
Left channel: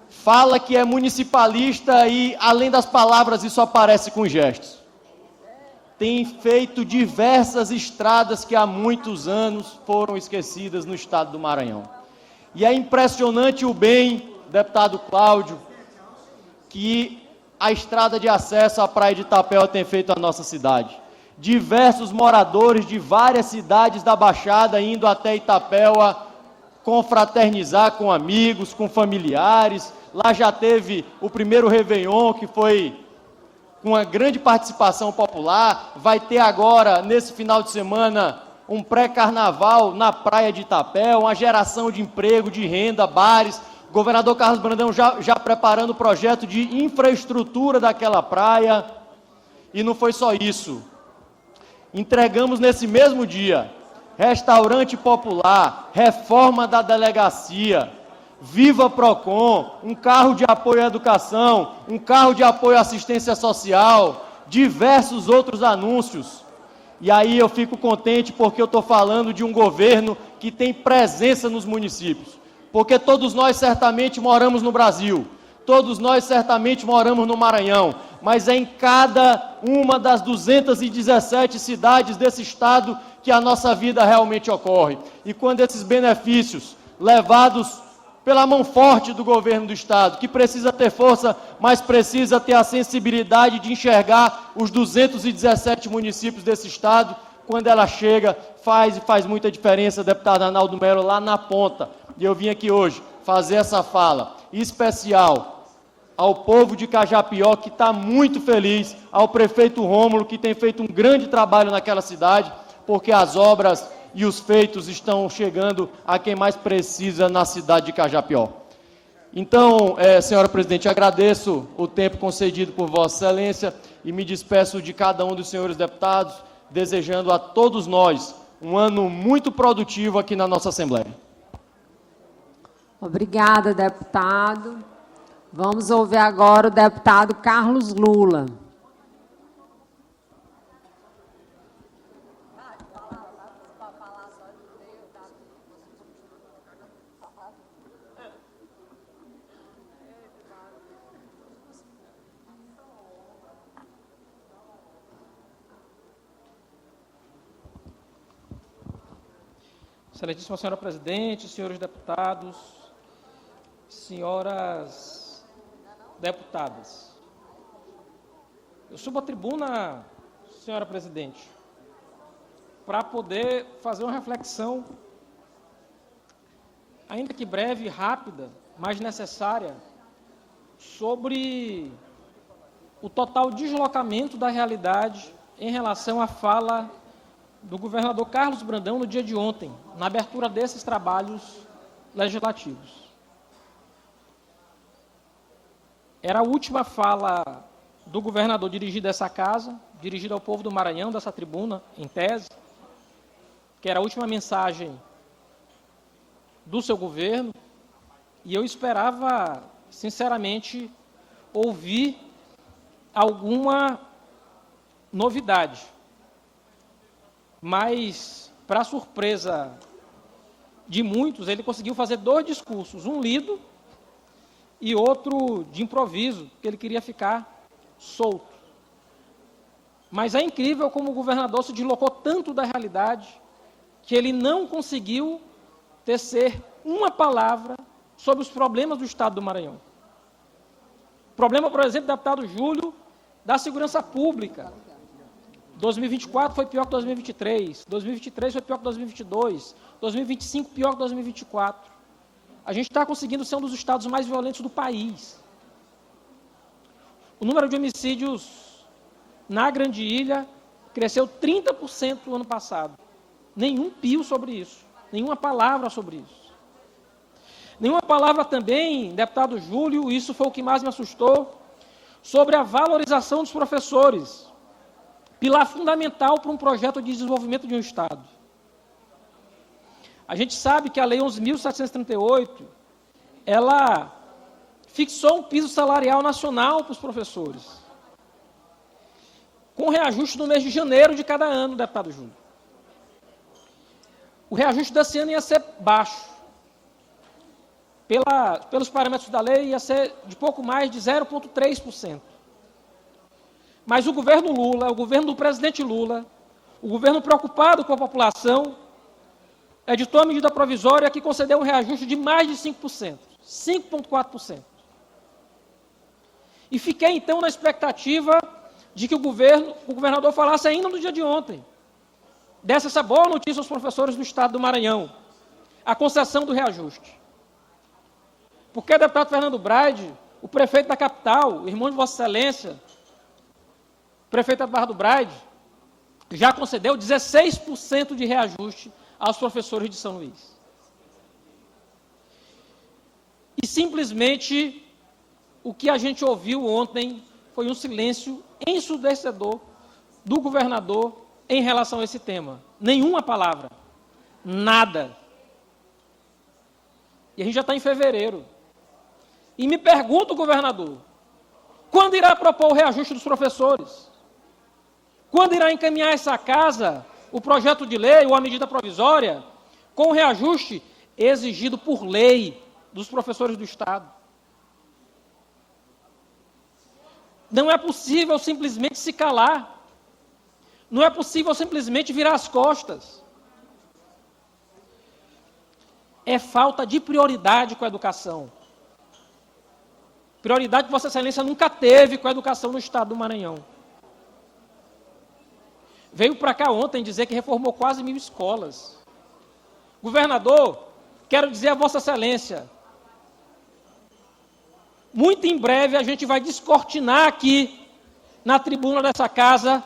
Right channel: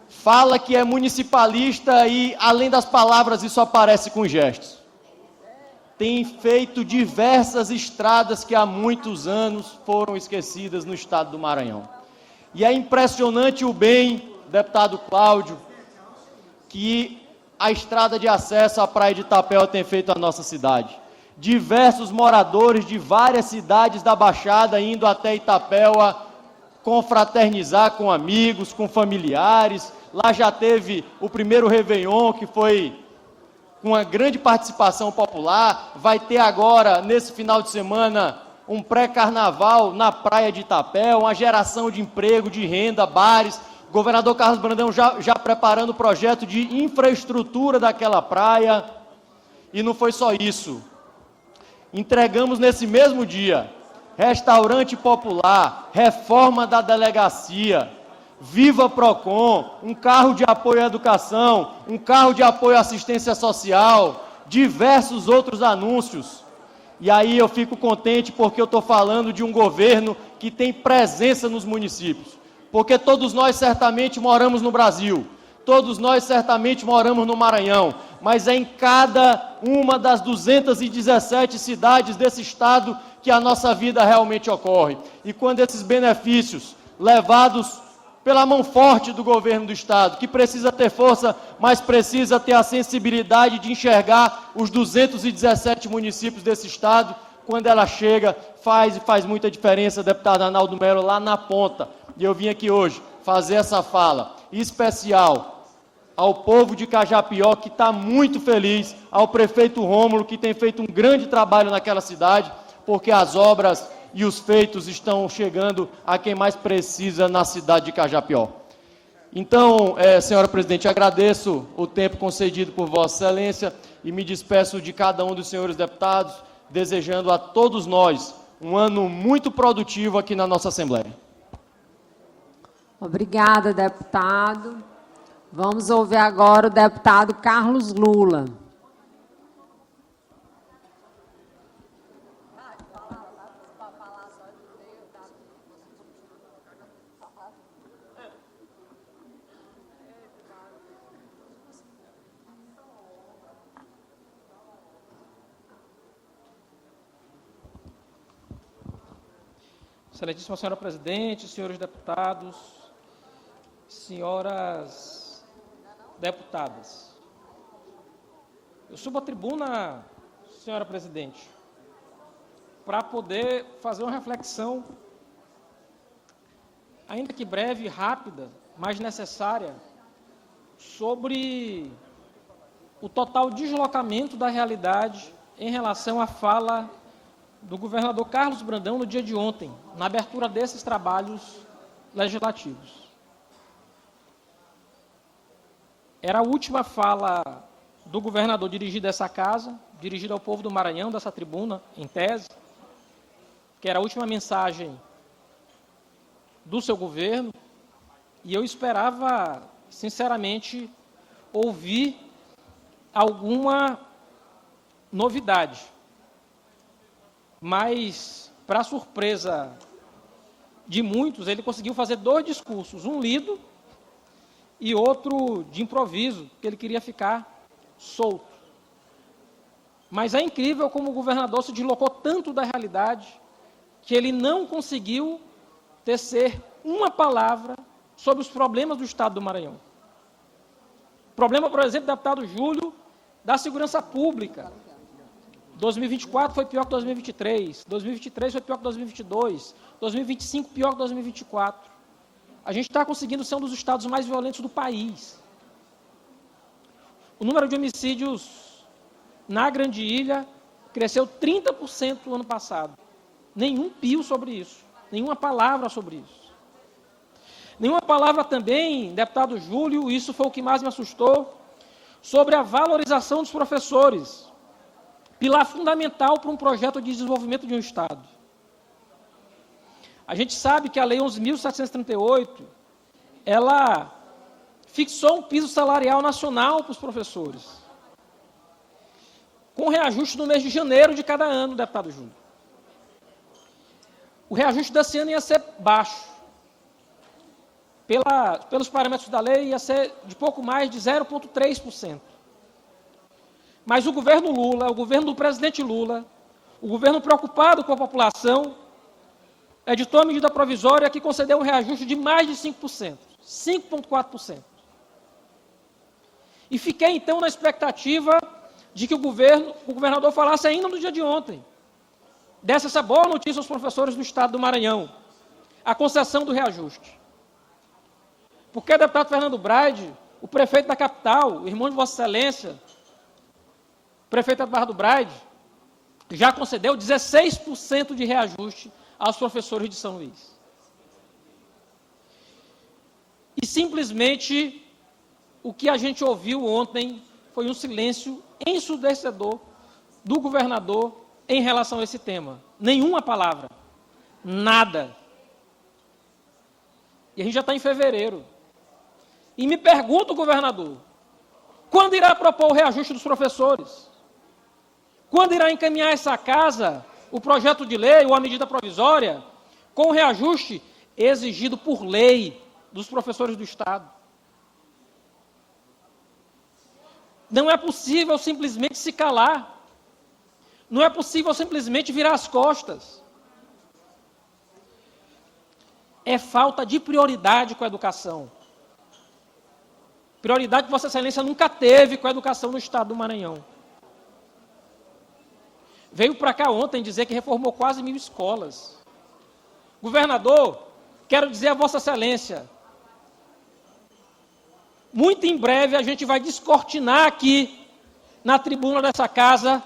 fala que é municipalista e, além das palavras, isso aparece com gestos. Tem feito diversas estradas que há muitos anos foram esquecidas no estado do Maranhão. E é impressionante o bem, deputado Cláudio, que a estrada de acesso à Praia de Itapeva tem feito à nossa cidade. Diversos moradores de várias cidades da Baixada indo até Itapeva confraternizar com amigos, com familiares. Lá já teve o primeiro Réveillon, que foi com uma grande participação popular. Vai ter agora, nesse final de semana, um pré-carnaval na Praia de Itapeva, uma geração de emprego, de renda, bares. O governador Carlos Brandão já preparando o projeto de infraestrutura daquela praia. E não foi só isso. Entregamos nesse mesmo dia restaurante popular, reforma da delegacia, Viva Procon, um carro de apoio à educação, um carro de apoio à assistência social, diversos outros anúncios. E aí eu fico contente porque eu estou falando de um governo que tem presença nos municípios. Porque todos nós certamente moramos no Brasil, todos nós certamente moramos no Maranhão, mas é em cada uma das 217 cidades desse estado que a nossa vida realmente ocorre. E quando esses benefícios levados pela mão forte do governo do estado, que precisa ter força, mas precisa ter a sensibilidade de enxergar os 217 municípios desse estado, quando ela chega, faz muita diferença, deputado Arnaldo Melo, lá na ponta. E eu vim aqui hoje fazer essa fala especial ao povo de Cajapió, que está muito feliz, ao prefeito Rômulo, que tem feito um grande trabalho naquela cidade, porque as obras e os feitos estão chegando a quem mais precisa na cidade de Cajapió. Então, senhora presidente, agradeço o tempo concedido por Vossa Excelência e me despeço de cada um dos senhores deputados, desejando a todos nós um ano muito produtivo aqui na nossa Assembleia. Obrigada, deputado. Vamos ouvir agora o deputado Carlos Lula. Excelentíssima senhora presidente, senhores deputados, senhoras deputadas. Eu subo à tribuna, senhora presidente, para poder fazer uma reflexão, ainda que breve, rápida, mas necessária, sobre o total deslocamento da realidade em relação à fala do governador Carlos Brandão no dia de ontem, na abertura desses trabalhos legislativos. Era a última fala do governador dirigida a essa casa, dirigida ao povo do Maranhão, dessa tribuna, em tese, que era a última mensagem do seu governo, e eu esperava, sinceramente, ouvir alguma novidade. Mas, para surpresa de muitos, ele conseguiu fazer dois discursos, um lido e outro de improviso, que ele queria ficar solto. Mas é incrível como o governador se deslocou tanto da realidade que ele não conseguiu tecer uma palavra sobre os problemas do estado do Maranhão. Problema, por exemplo, deputado Júlio, da segurança pública. 2024 foi pior que 2023, 2023 foi pior que 2022, 2025 pior que 2024. A gente está conseguindo ser um dos estados mais violentos do país. O número de homicídios na Grande Ilha cresceu 30% no ano passado. Nenhum pio sobre isso, nenhuma palavra sobre isso. Nenhuma palavra também, deputado Júlio, isso foi o que mais me assustou, sobre a valorização dos professores, pilar fundamental para um projeto de desenvolvimento de um estado. A gente sabe que a Lei 11.738, ela fixou um piso salarial nacional para os professores, com reajuste no mês de janeiro de cada ano, deputado Júlio. o reajuste desse ano ia ser baixo. Pelos parâmetros da lei, ia ser de pouco mais de 0,3%. Mas o governo Lula, o governo do presidente Lula, o governo preocupado com a população, editou a medida provisória que concedeu um reajuste de mais de 5%, 5,4%. E fiquei, então, na expectativa de que o governador falasse ainda no dia de ontem, desse essa boa notícia aos professores do Estado do Maranhão, a concessão do reajuste. Porque o deputado Fernando Braide, o prefeito da capital, irmão de Vossa Excelência, prefeito da Barra do Braide, já concedeu 16% de reajuste aos professores de São Luís. E simplesmente o que a gente ouviu ontem foi um silêncio ensurdecedor do governador em relação a esse tema. Nenhuma palavra. Nada. E a gente já está em fevereiro. E me pergunto, governador, quando irá propor o reajuste dos professores? Quando irá encaminhar essa casa, o projeto de lei ou a medida provisória, com o reajuste exigido por lei dos professores do Estado? Não é possível simplesmente se calar. Não é possível simplesmente virar as costas. É falta de prioridade com a educação. Prioridade que Vossa Excelência nunca teve com a educação no Estado do Maranhão. Veio para cá ontem dizer que reformou quase 1.000 escolas. Governador, quero dizer a Vossa Excelência, muito em breve a gente vai descortinar aqui, na tribuna dessa casa,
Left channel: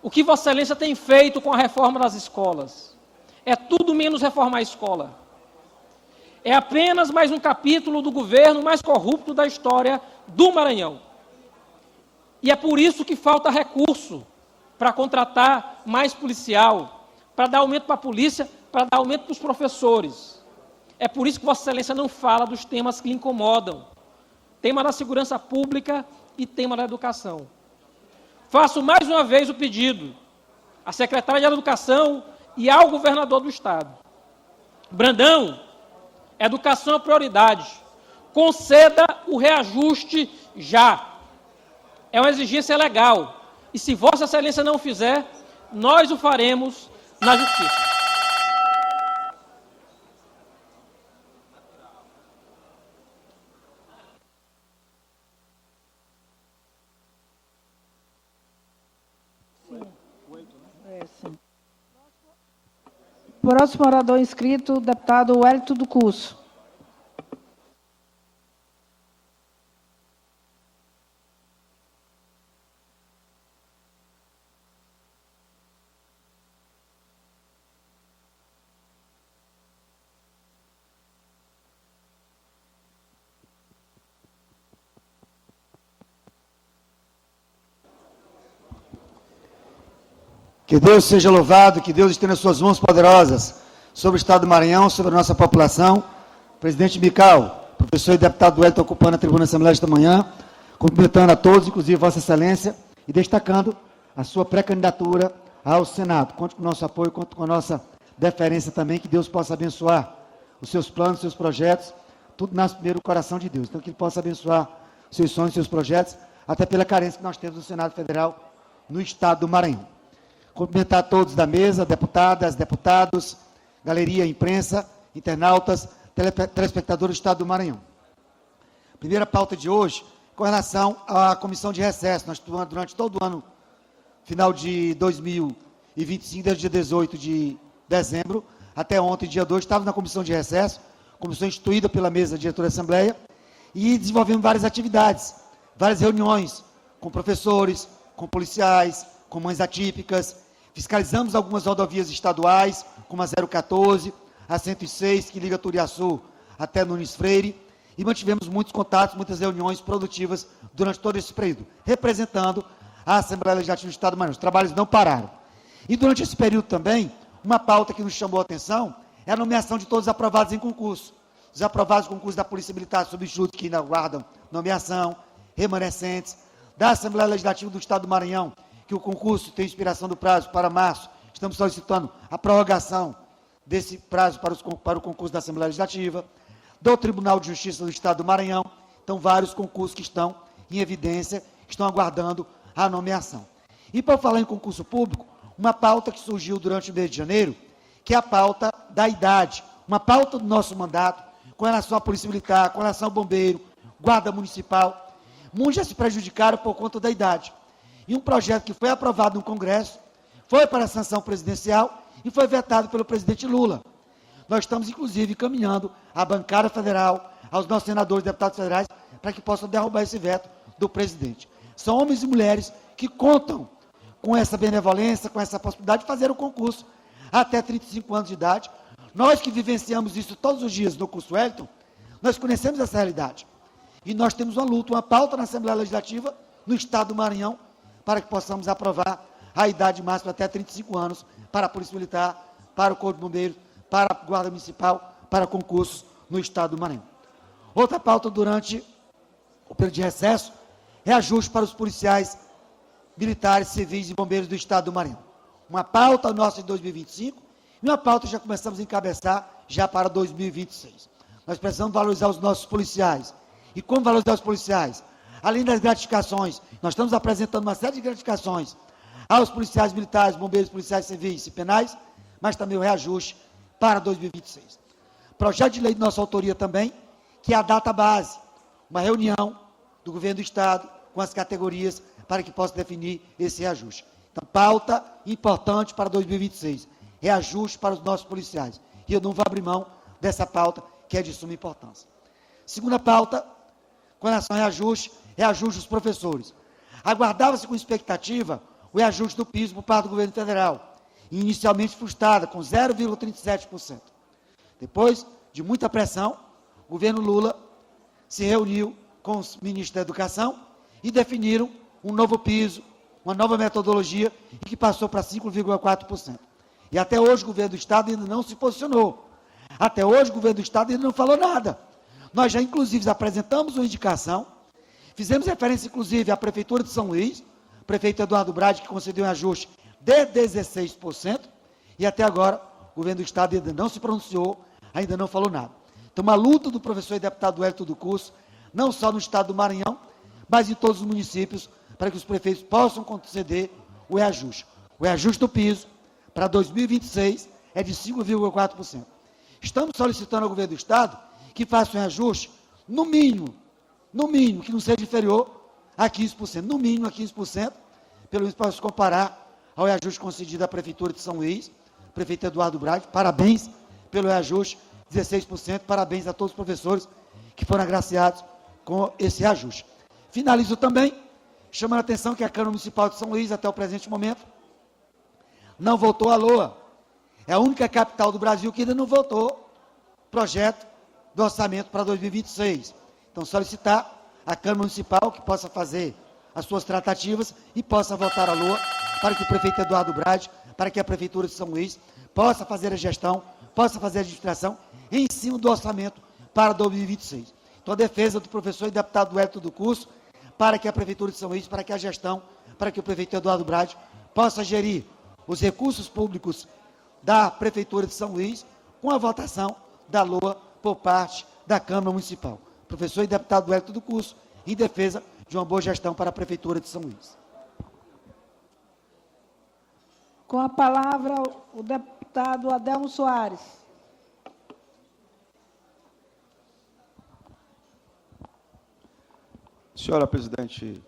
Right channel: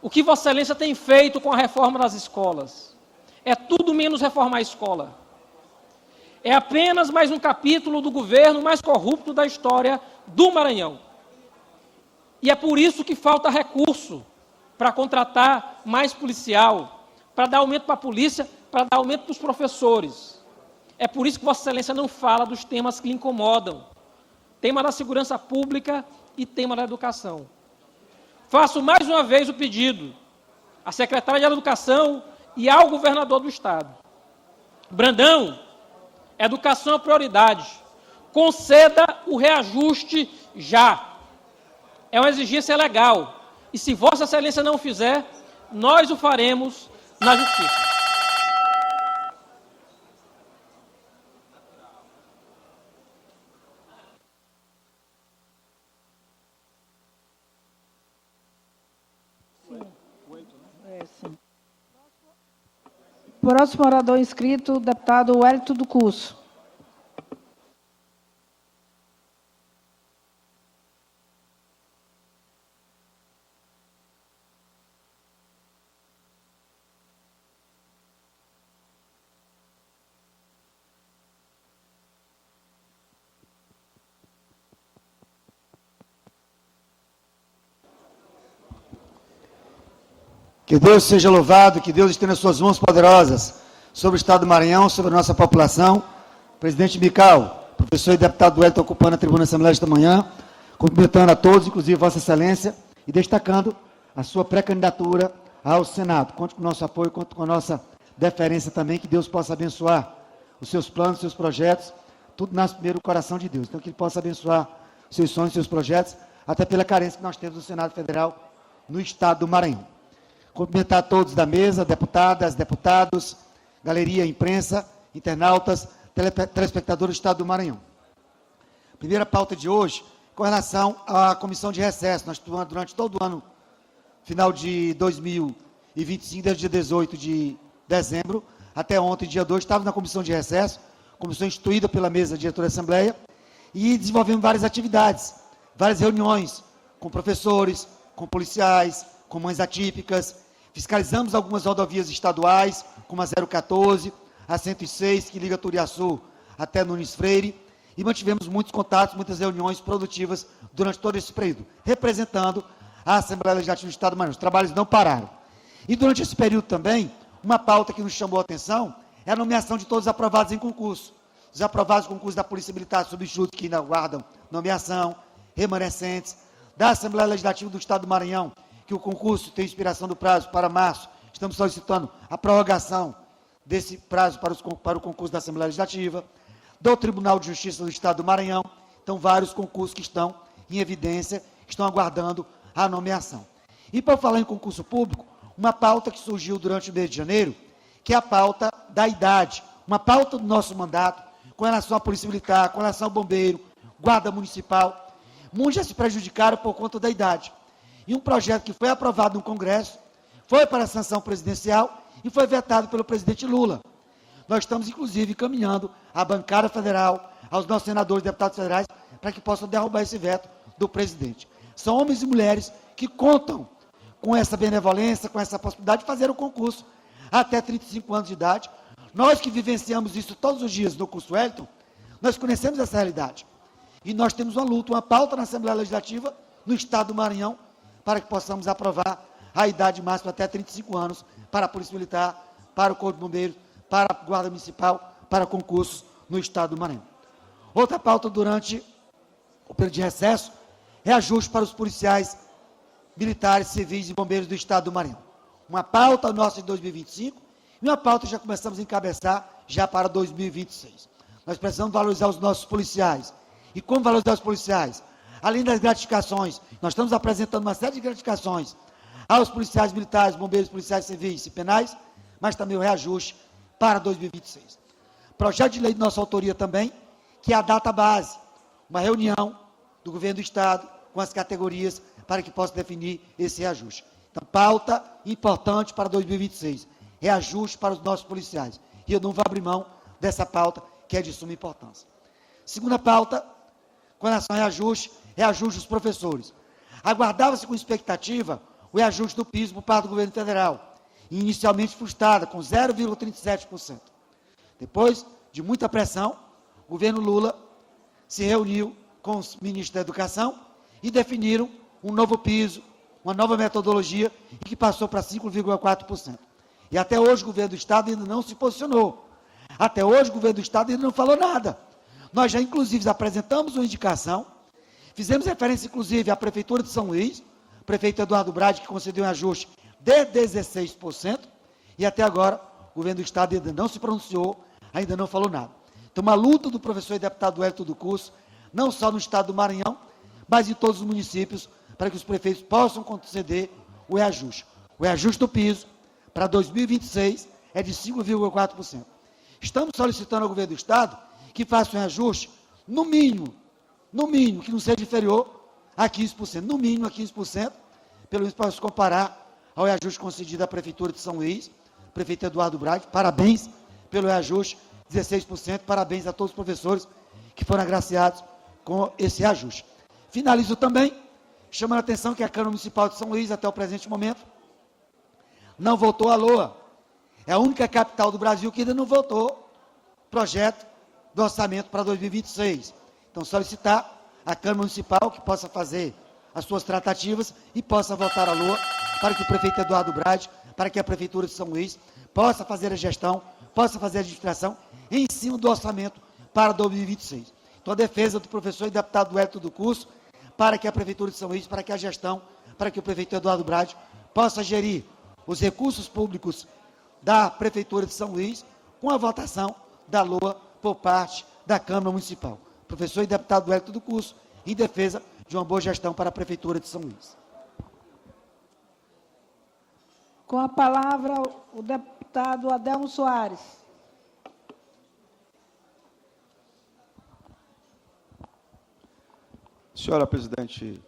o que Vossa Excelência tem feito com a reforma das escolas. É tudo menos reformar a escola. É apenas mais um capítulo do governo mais corrupto da história do Maranhão. E é por isso que falta recurso para contratar mais policial, para dar aumento para a polícia, para dar aumento para os professores. É por isso que Vossa Excelência não fala dos temas que lhe incomodam. Tema da segurança pública e tema da educação. Faço mais uma vez o pedido à secretária de Educação e ao governador do Estado. Brandão, educação é prioridade. Conceda o reajuste já. É uma exigência legal. E se Vossa Excelência não fizer, nós o faremos na Justiça. Próximo orador inscrito, o deputado Wellington do Curso. Que Deus seja louvado, que Deus estenda suas mãos poderosas sobre o Estado do Maranhão, sobre a nossa população. Presidente Mical, professor e deputado Wellington ocupando a tribuna da Assembleia esta manhã, cumprimentando a todos, inclusive Vossa Excelência, e destacando a sua pré-candidatura ao Senado. Conte com o nosso apoio, conte com a nossa deferência também, que Deus possa abençoar os seus planos, os seus projetos, tudo nasce primeiro do coração de Deus. Então, que Ele possa abençoar os seus sonhos, os seus projetos, até pela carência que nós temos no Senado Federal, no Estado do Maranhão. Cumprimentar a todos da mesa, deputadas, deputados, galeria, imprensa, internautas, telespectadores do Estado do Maranhão. Primeira pauta de hoje, com relação à comissão de recesso. Nós, durante todo o ano, final de 2025, desde dia 18 de dezembro, até ontem, dia 2, estávamos na comissão de recesso, comissão instituída pela mesa diretora da Assembleia, e desenvolvemos várias atividades, várias reuniões com professores, com policiais, com mães atípicas. Fiscalizamos algumas rodovias estaduais, como a 014, a 106, que liga Turiaçu até Nunes Freire, e mantivemos muitos contatos, muitas reuniões produtivas durante todo esse período, representando a Assembleia Legislativa do Estado do Maranhão. Os trabalhos não pararam. E durante esse período também, uma pauta que nos chamou a atenção é a nomeação de todos os aprovados em concurso. Os aprovados em concurso da Polícia Militar Substituto, que ainda aguardam nomeação, remanescentes, da Assembleia Legislativa do Estado do Maranhão, que o concurso tem expiração do prazo para março, estamos solicitando a prorrogação desse prazo para o concurso da Assembleia Legislativa, do Tribunal de Justiça do Estado do Maranhão. Então, vários concursos que estão em evidência, estão aguardando a nomeação. E, para falar em concurso público, uma pauta que surgiu durante o mês de janeiro, que é a pauta da idade, uma pauta do nosso mandato, com relação à Polícia Militar, com relação ao Bombeiro, Guarda Municipal. Muitos já se prejudicaram por conta da idade. E um projeto que foi aprovado no Congresso, foi para a sanção presidencial e foi vetado pelo presidente Lula. Nós estamos, inclusive, encaminhando à bancada federal, aos nossos senadores e deputados federais, para que possam derrubar esse veto do presidente. São homens e mulheres que contam com essa benevolência, com essa possibilidade de fazer o concurso até 35 anos de idade. Nós que vivenciamos isso todos os dias no curso Wellington, nós conhecemos essa realidade. E nós temos uma luta, uma pauta na Assembleia Legislativa, no Estado do Maranhão, para que possamos aprovar a idade máxima até 35 anos para a Polícia Militar, para o Corpo de Bombeiros, para a Guarda Municipal, para concursos no Estado do Maranhão. Outra pauta durante o período de recesso é ajuste para os policiais militares, civis e bombeiros do Estado do Maranhão. Uma pauta nossa em 2025 e uma pauta que já começamos a encabeçar já para 2026. Nós precisamos valorizar os nossos policiais. E como valorizar os policiais? Além das gratificações, nós estamos apresentando uma série de gratificações aos policiais militares, bombeiros, policiais civis e penais, mas também o reajuste para 2026. Projeto de lei de nossa autoria também, que é a data base, uma reunião do governo do Estado com as categorias para que possa definir esse reajuste. Então, pauta importante para 2026, reajuste para os nossos policiais. E eu não vou abrir mão dessa pauta, que é de suma importância. Segunda pauta, com relação ao reajuste dos professores. Aguardava-se com expectativa o reajuste do piso por parte do governo federal, inicialmente frustrada, com 0,37%. Depois de muita pressão, o governo Lula se reuniu com os ministros da Educação e definiram um novo piso, uma nova metodologia, e que passou para 5,4%. E até hoje o governo do Estado ainda não se posicionou. Até hoje o governo do Estado ainda não falou nada. Nós já, inclusive, apresentamos uma indicação, fizemos referência, inclusive, à Prefeitura de São Luís, o prefeito Eduardo Brade, que concedeu um ajuste de 16%, e até agora o governo do Estado ainda não se pronunciou, ainda não falou nada. Então, uma luta do professor e deputado Wellington do Curso, não só no Estado do Maranhão, mas em todos os municípios, para que os prefeitos possam conceder o reajuste. O reajuste do piso para 2026 é de 5,4%. Estamos solicitando ao governo do Estado que faça um reajuste, no mínimo, que não seja inferior a 15%, no mínimo a 15%, pelo menos para se comparar ao reajuste concedido à Prefeitura de São Luís, prefeito Eduardo Brade. Parabéns pelo reajuste, 16%, parabéns a todos os professores que foram agraciados com esse reajuste. Finalizo também, chamando a atenção que a Câmara Municipal de São Luís, até o presente momento, não votou a LOA. É a única capital do Brasil que ainda não votou projeto do orçamento para 2026. Então, solicitar à Câmara Municipal que possa fazer as suas tratativas e possa votar a LOA para que o prefeito Eduardo Brade, para que a Prefeitura de São Luís possa fazer a gestão, possa fazer a administração em cima do orçamento para 2026. Então, a defesa do professor e deputado Wellington do Curso, para que a Prefeitura de São Luís, para que a gestão, para que o prefeito Eduardo Brade possa gerir os recursos públicos da Prefeitura de São Luís com a votação da LOA por parte da Câmara Municipal. Professor e deputado Wellington do Curso, em defesa de uma boa gestão para a Prefeitura de São Luís. Com a palavra, o deputado Adelmo Soares. Senhora presidente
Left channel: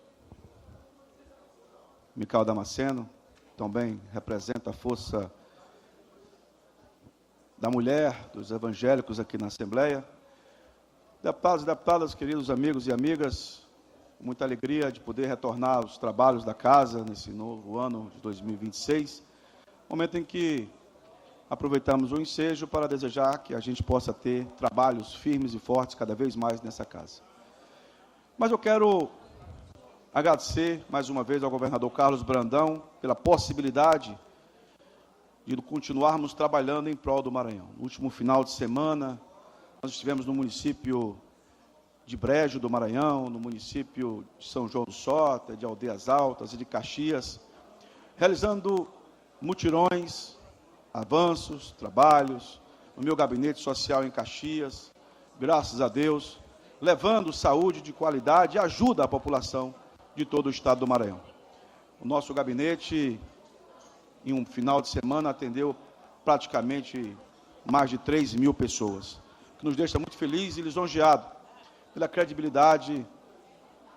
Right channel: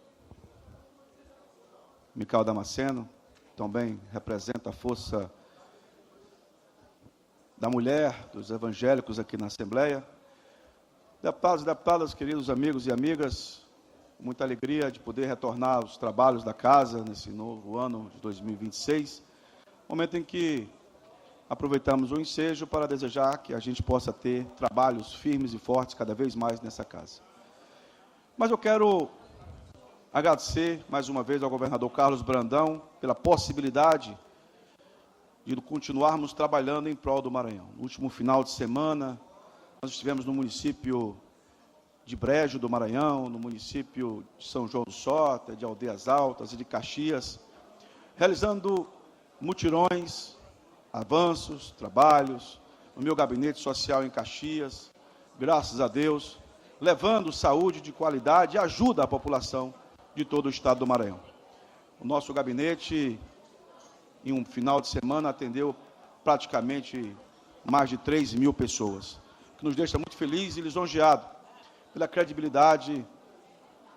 Micael Damasceno, também representa a força da mulher, dos evangélicos aqui na Assembleia. Deputados e deputadas, queridos amigos e amigas, com muita alegria de poder retornar aos trabalhos da casa nesse novo ano de 2026, momento em que aproveitamos o ensejo para desejar que a gente possa ter trabalhos firmes e fortes cada vez mais nessa casa. Mas eu quero agradecer mais uma vez ao governador Carlos Brandão pela possibilidade de continuarmos trabalhando em prol do Maranhão. No último final de semana, nós estivemos no município de Brejo do Maranhão, no município de São João do Sota, de Aldeias Altas e de Caxias, realizando mutirões avanços, trabalhos, no meu gabinete social em Caxias, graças a Deus, levando saúde de qualidade e ajuda à população de todo o estado do Maranhão. O nosso gabinete, em um final de semana, atendeu praticamente mais de 3 mil pessoas, que nos deixa muito feliz e lisonjeado pela credibilidade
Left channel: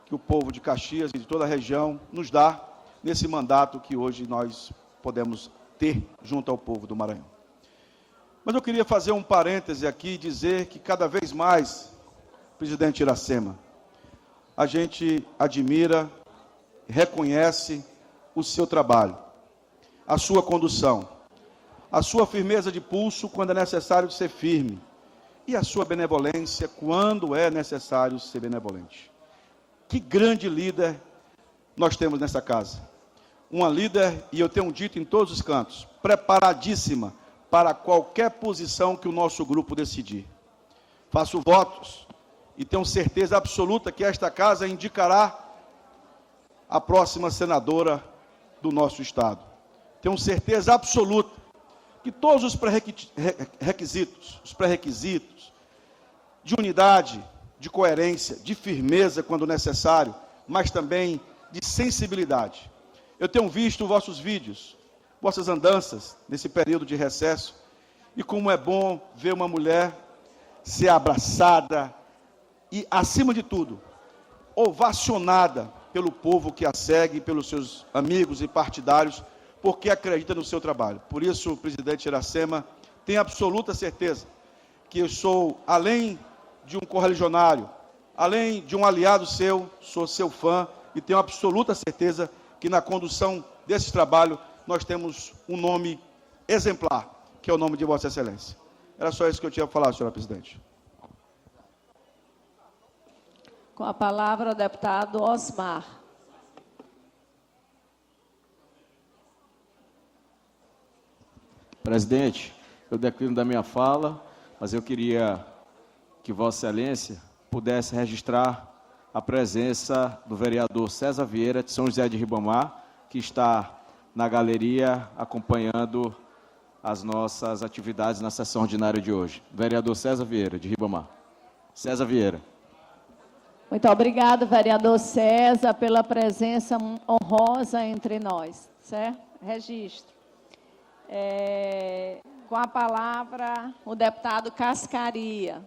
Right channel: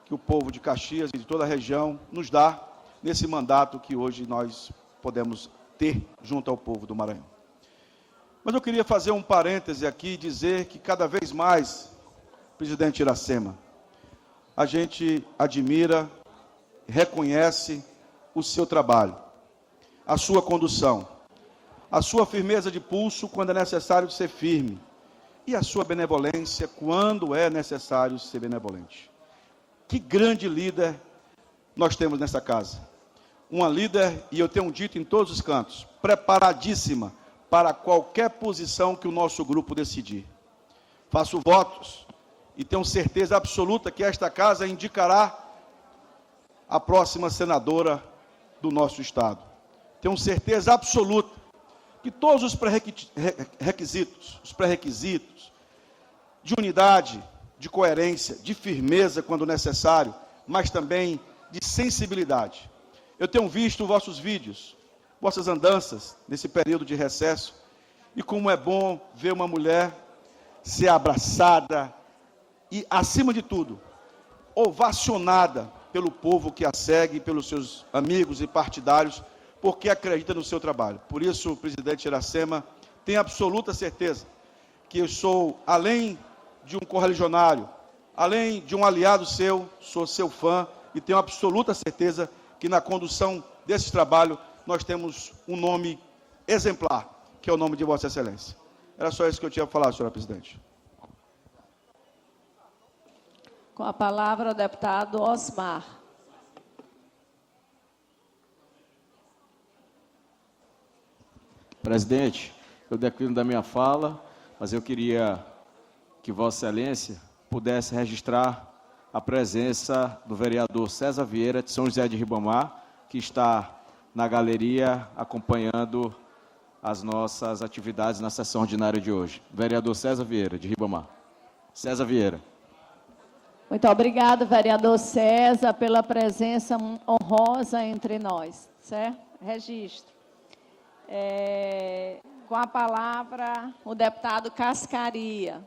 que o povo de Caxias e de toda a região nos dá nesse mandato que hoje nós podemos ter junto ao povo do Maranhão. Mas eu queria fazer um parêntese aqui e dizer que cada vez mais, presidente Iracema, a gente admira, reconhece o seu trabalho, a sua condução, a sua firmeza de pulso quando é necessário ser firme e a sua benevolência quando é necessário ser benevolente. Que grande líder nós temos nessa casa. Uma líder, e eu tenho dito em todos os cantos, preparadíssima para qualquer posição que o nosso grupo decidir. Faço votos e tenho certeza absoluta que esta casa indicará a próxima senadora do nosso estado. Tenho certeza absoluta que todos os pré-requisitos de unidade, de coerência, de firmeza quando necessário, mas também de sensibilidade. Eu tenho visto vossos vídeos, vossas andanças nesse período de recesso, e como é bom ver uma mulher ser abraçada e, acima de tudo, ovacionada pelo povo que a segue, pelos seus amigos e partidários, porque acredita no seu trabalho. Por isso, presidente Iracema, tenho absoluta certeza que eu sou, além de um correligionário, além de um aliado seu, sou seu fã e tenho absoluta certeza que na condução desse trabalho nós temos um nome exemplar, que é o nome de Vossa Excelência. Era só isso que eu tinha a falar, senhora presidente. Com a palavra, o deputado Osmar. Presidente, eu declino da minha fala, mas eu queria que Vossa Excelência pudesse registrar a presença do vereador César Vieira, de São José de Ribamar, que está na galeria acompanhando as nossas atividades na sessão ordinária de hoje. Vereador César Vieira, de Ribamar. César Vieira. Muito obrigado, vereador César, pela presença honrosa entre nós, certo? Registro. Com a palavra, o deputado Cascaria.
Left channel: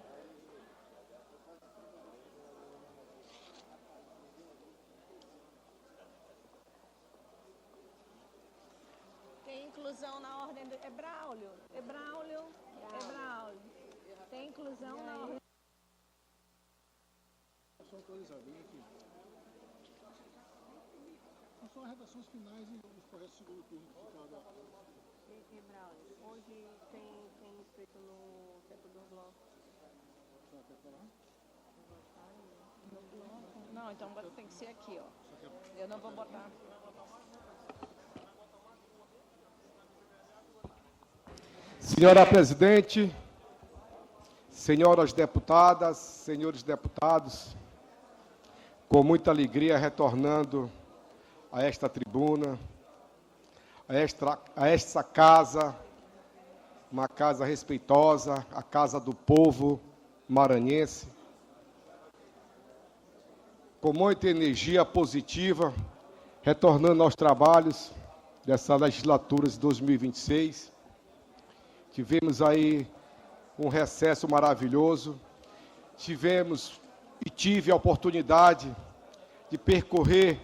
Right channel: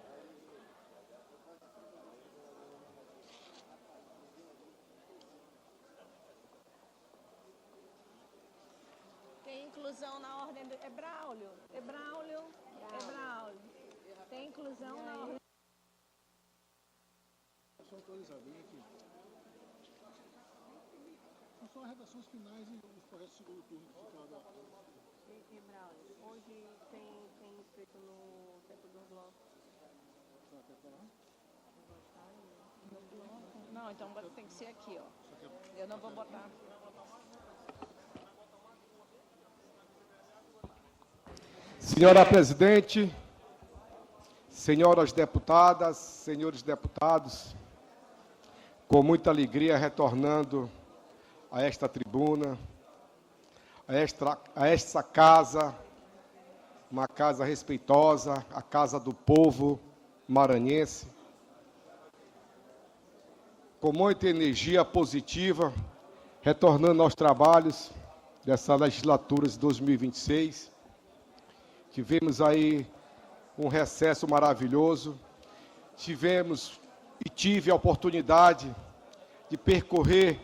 Tem inclusão na ordem do... Braulio. Tem inclusão na ordem... São redações finais e os projetos do turno. Hoje tem escrito no tempo do Orlando. Não, então tem que ser aqui, ó. Eu não vou botar. Senhora presidente, senhoras deputadas, senhores deputados, com muita alegria retornando a esta tribuna, a esta casa, uma casa respeitosa, a casa do povo maranhense, com muita energia positiva, retornando aos trabalhos dessa legislatura de 2026. Tivemos aí um recesso maravilhoso, tive a oportunidade de percorrer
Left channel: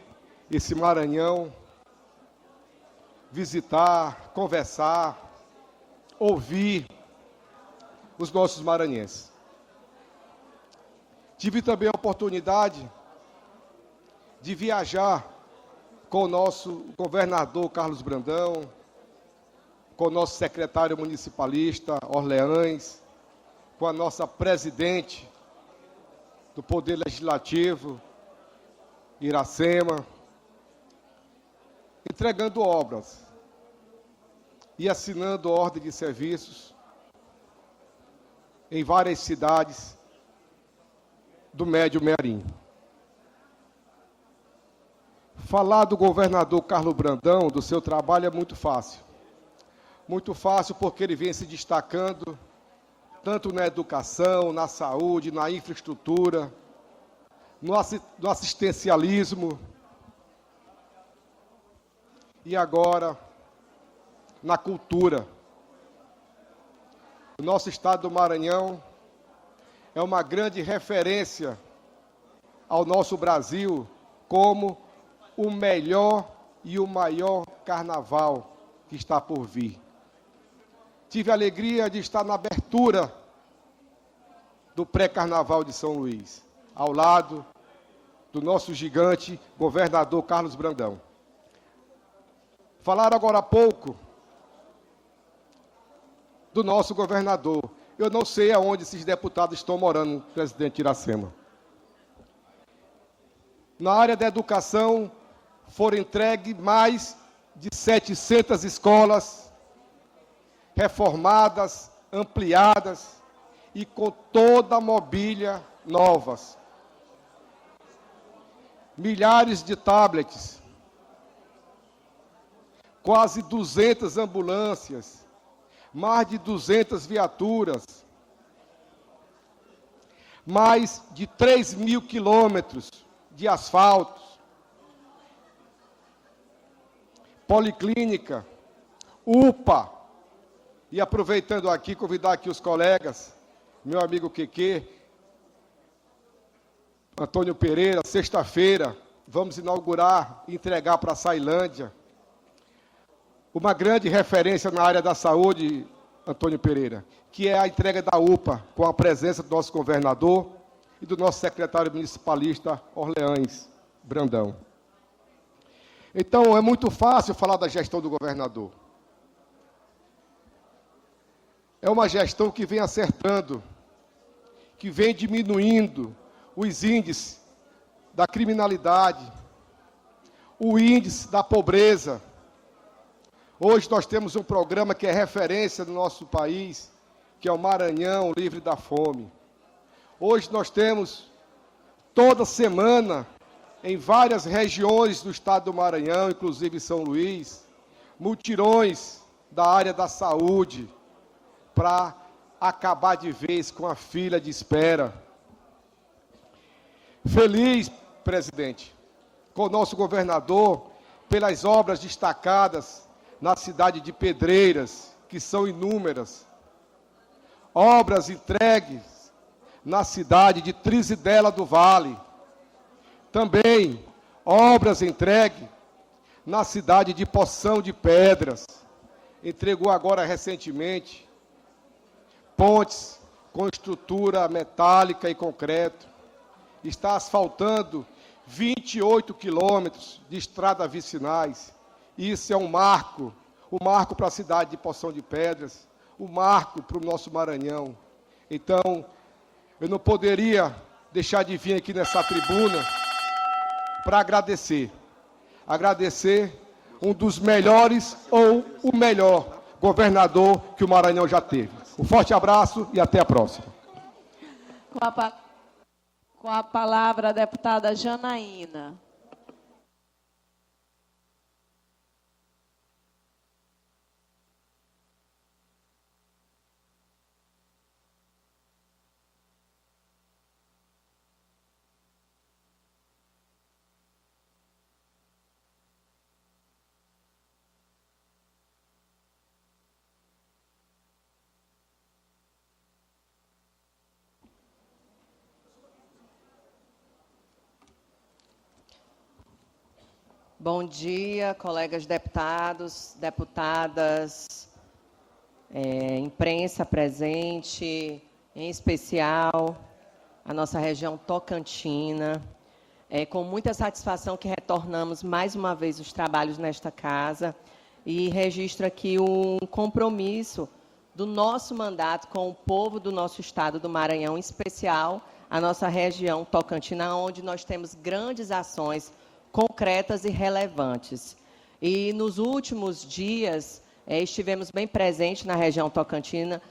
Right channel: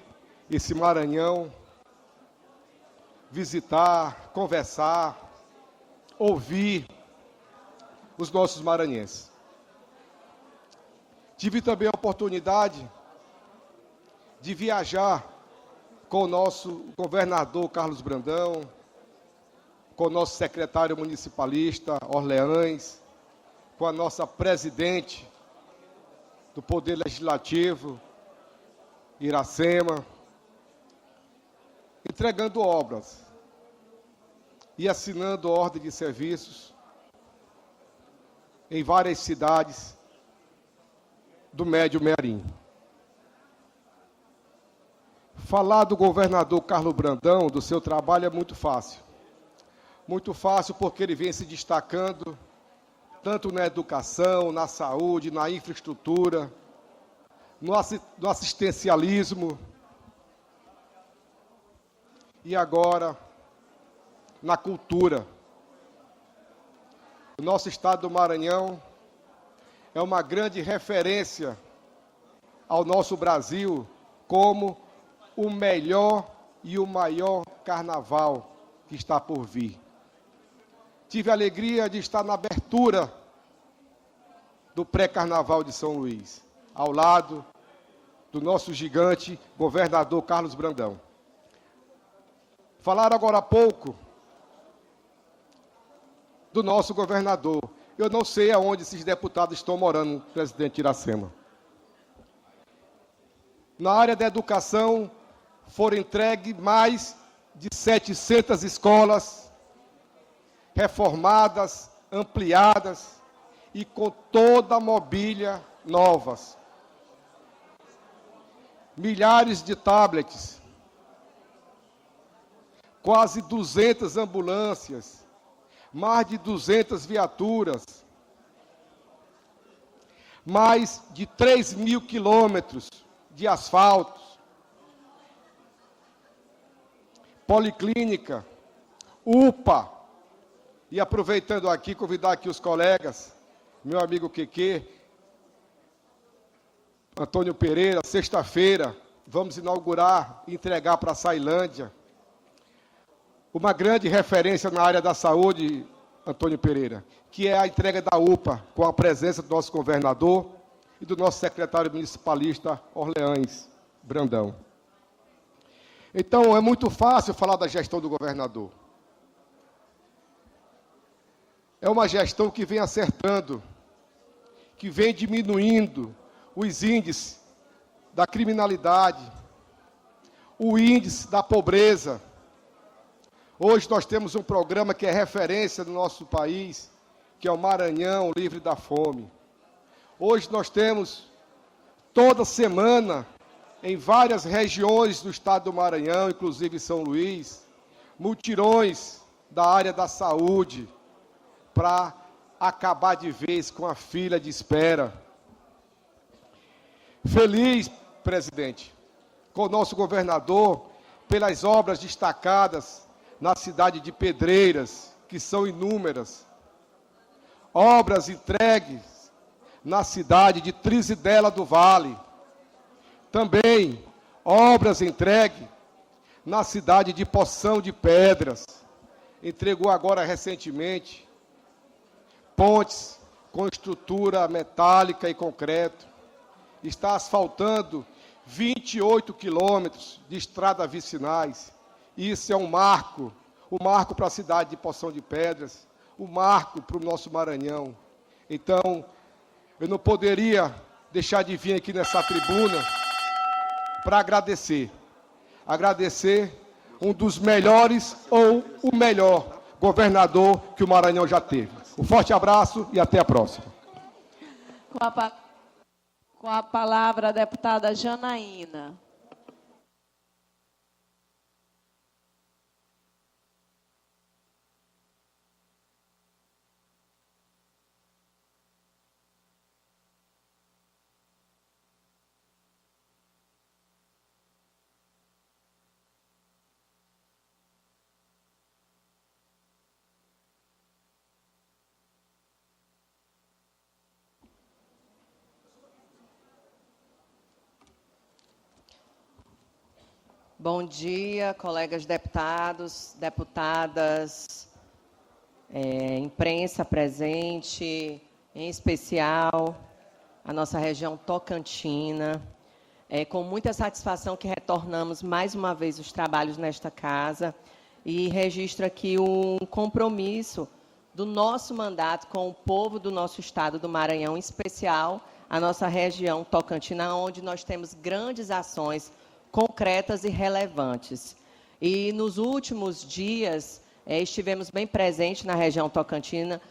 esse Maranhão, visitar, conversar, ouvir os nossos maranhenses. Tive também a oportunidade de viajar com o nosso governador Carlos Brandão, com o nosso secretário municipalista Orleães, com a nossa presidente do Poder Legislativo, Iracema, entregando obras e assinando ordem de serviços em várias cidades do Médio Mearim. Falar do governador Carlos Brandão, do seu trabalho, é muito fácil. Muito fácil porque ele vem se destacando tanto na educação, na saúde, na infraestrutura, no assistencialismo e agora na cultura. O nosso estado do Maranhão é uma grande referência ao nosso Brasil como o melhor e o maior carnaval que está por vir. Tive a alegria de estar na abertura do pré-carnaval de São Luís, ao lado do nosso gigante governador Carlos Brandão. Falaram agora há pouco do nosso governador. Eu não sei aonde esses deputados estão morando, presidente Iracema. Na área da educação, foram entregues mais de 700 escolas reformadas, ampliadas e com toda a mobília novas. Milhares de tablets, quase 200 ambulâncias, mais de 200 viaturas, mais de 3.000 quilômetros de asfalto, policlínica, UPA, e aproveitando aqui, convidar aqui os colegas, meu amigo Keke, Antônio Pereira, sexta-feira, vamos inaugurar e entregar para a Sailândia uma grande referência na área da saúde, Antônio Pereira, que é a entrega da UPA, com a presença do nosso governador e do nosso secretário municipalista Orleans Brandão. Então, é muito fácil falar da gestão do governador. É uma gestão que vem acertando, que vem diminuindo os índices da criminalidade, o índice da pobreza. Hoje nós temos um programa que é referência no nosso país, que é o Maranhão Livre da Fome. Hoje nós temos, toda semana, em várias regiões do estado do Maranhão, inclusive São Luís, mutirões da área da saúde, para acabar de vez com a fila de espera. Feliz, presidente, com o nosso governador, pelas obras destacadas na cidade de Pedreiras, que são inúmeras. Obras entregues na cidade de Trizidela do Vale. Também obras entregues na cidade de Poção de Pedras. Entregou agora recentemente pontes com estrutura metálica e concreto. Está asfaltando 28 quilômetros de estradas vicinais. Isso é um marco para a cidade de Poção de Pedras, um marco para o nosso Maranhão. Então, eu não poderia deixar de vir aqui nessa tribuna para agradecer um dos melhores ou o melhor governador que o Maranhão já teve. Um forte abraço e até a próxima. Com a palavra a deputada Janaína. Bom dia, colegas deputados, deputadas, imprensa presente, em especial a nossa região tocantina. É com muita satisfação que retornamos mais uma vez os trabalhos nesta casa e registro aqui um compromisso do nosso mandato com o povo do nosso estado do Maranhão, em especial a nossa região tocantina, onde nós temos grandes ações concretas e relevantes. E nos últimos dias, estivemos bem presentes na região tocantina,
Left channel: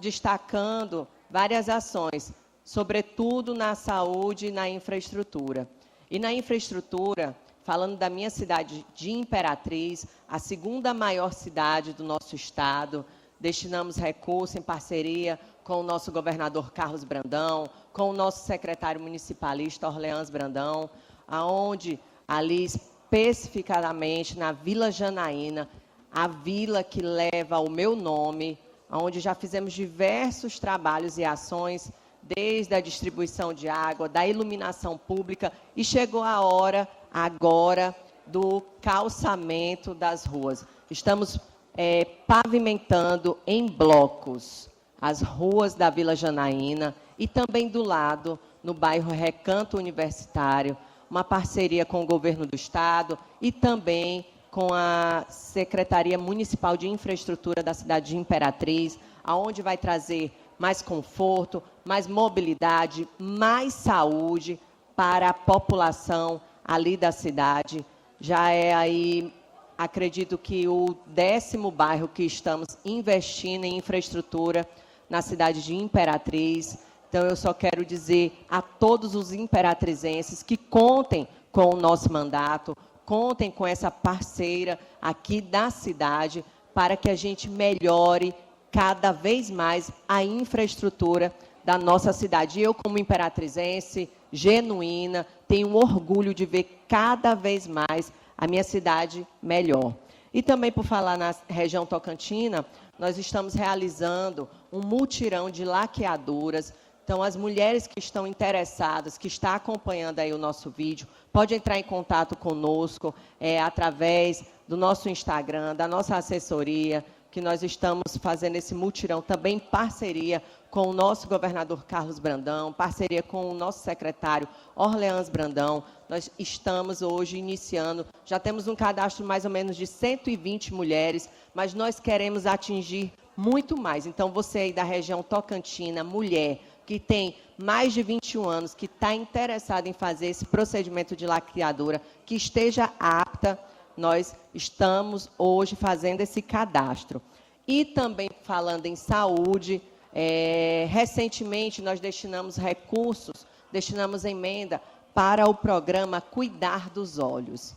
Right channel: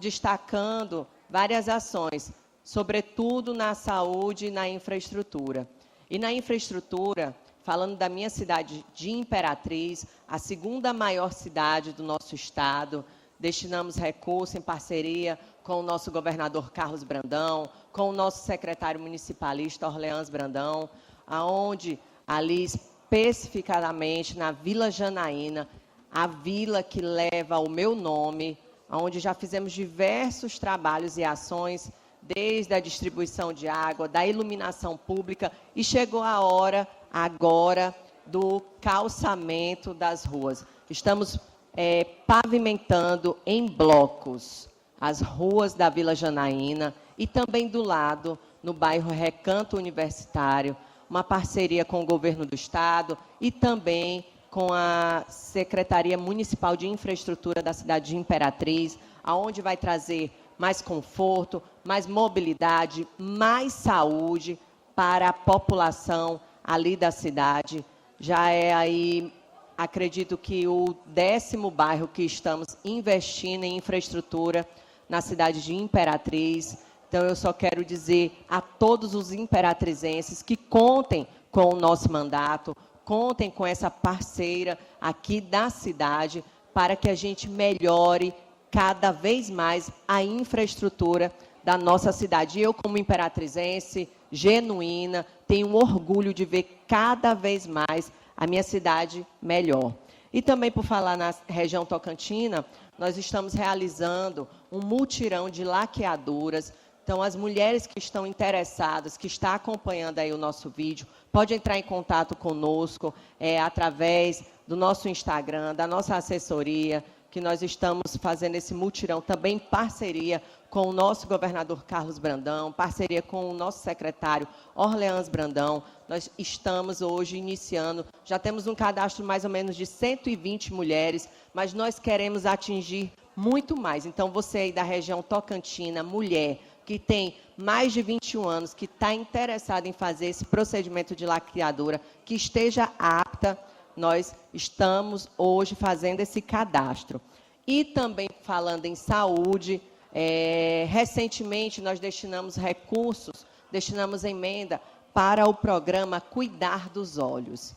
destacando várias ações, sobretudo na saúde e na infraestrutura. E na infraestrutura, falando da minha cidade de Imperatriz, a segunda maior cidade do nosso estado. Destinamos recursos em parceria com o nosso governador Carlos Brandão, com o nosso secretário municipalista Orleans Brandão, aonde ali especificadamente na Vila Janaína, a vila que leva o meu nome, onde já fizemos diversos trabalhos e ações, desde a distribuição de água, da iluminação pública, e chegou a hora agora do calçamento das ruas. Estamos pavimentando em blocos as ruas da Vila Janaína e também do lado, no bairro Recanto Universitário, uma parceria com o governo do estado e também com a Secretaria Municipal de Infraestrutura da cidade de Imperatriz, aonde vai trazer mais conforto, mais mobilidade, mais saúde para a população ali da cidade. Já é aí, acredito que o 10º bairro que estamos investindo em infraestrutura na cidade de Imperatriz. Então, eu só quero dizer a todos os imperatrizenses que contem com o nosso mandato, contem com essa parceira aqui da cidade, para que a gente melhore cada vez mais a infraestrutura da nossa cidade. Eu, como imperatrizense genuína, tenho orgulho de ver cada vez mais a minha cidade melhor. E também, por falar na região tocantina, nós estamos realizando um mutirão de laqueadoras. Então, as mulheres que estão interessadas, que estão acompanhando aí o nosso vídeo, pode entrar em contato conosco através do nosso Instagram, da nossa assessoria, que nós estamos fazendo esse mutirão também em parceria com o nosso governador Carlos Brandão, parceria com o nosso secretário Orleans Brandão. Nós estamos hoje iniciando, já temos um cadastro mais ou menos de 120 mulheres, mas nós queremos atingir muito mais. Então, você aí da região tocantina, mulher, que tem mais de 21 anos, que está interessada em fazer esse procedimento de laqueadora, que esteja apta, nós estamos hoje fazendo esse cadastro. E também falando em saúde, recentemente nós destinamos recursos, destinamos emenda para o programa Cuidar dos Olhos.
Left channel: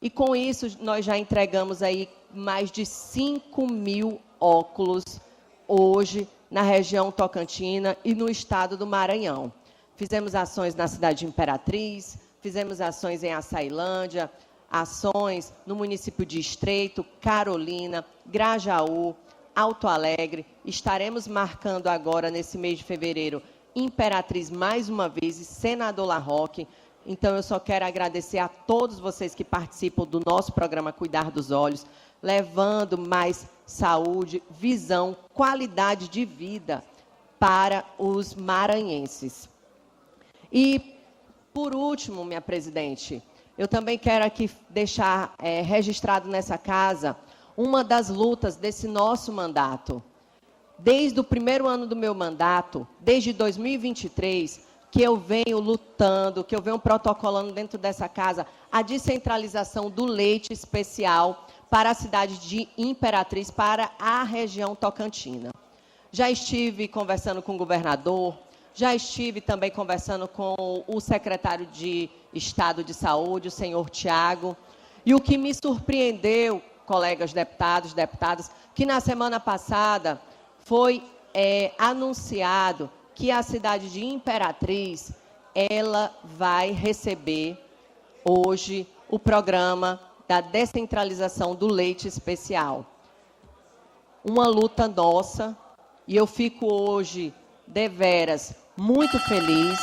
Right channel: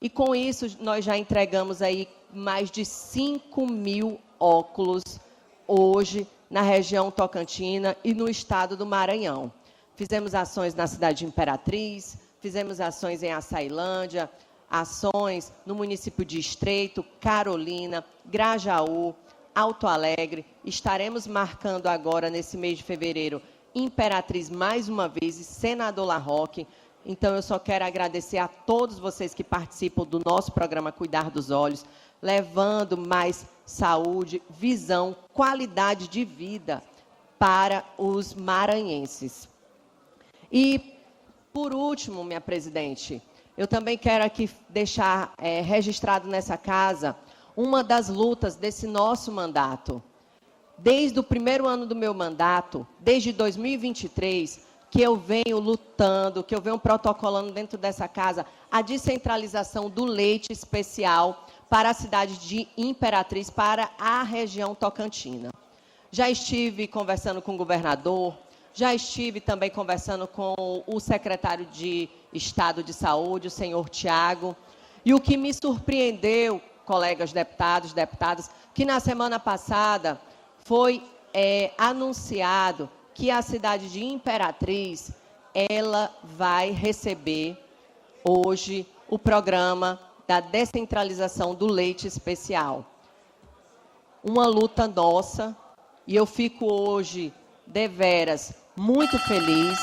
E com isso nós já entregamos aí mais de 5.000 óculos hoje na região tocantina e no estado do Maranhão. Fizemos ações na cidade de Imperatriz, fizemos ações em Açailândia, ações no município de Estreito, Carolina, Grajaú, Alto Alegre. Estaremos marcando agora, nesse mês de fevereiro, Imperatriz mais uma vez e Senador La Rocque. Então, eu só quero agradecer a todos vocês que participam do nosso programa Cuidar dos Olhos, levando mais saúde, visão, qualidade de vida para os maranhenses. E, por último, minha presidente, eu também quero aqui deixar registrado nessa casa uma das lutas desse nosso mandato. Desde o primeiro ano do meu mandato, desde 2023, que eu venho lutando, que eu venho protocolando dentro dessa casa a descentralização do leite especial para a cidade de Imperatriz, para a região tocantina. Já estive conversando com o governador, já estive também conversando com o secretário de Estado de Saúde, o senhor Tiago, e o que me surpreendeu, colegas deputados, deputadas, que na semana passada foi anunciado que a cidade de Imperatriz, ela vai receber hoje o programa da descentralização do leite especial. Uma luta nossa, e eu fico hoje, deveras, muito feliz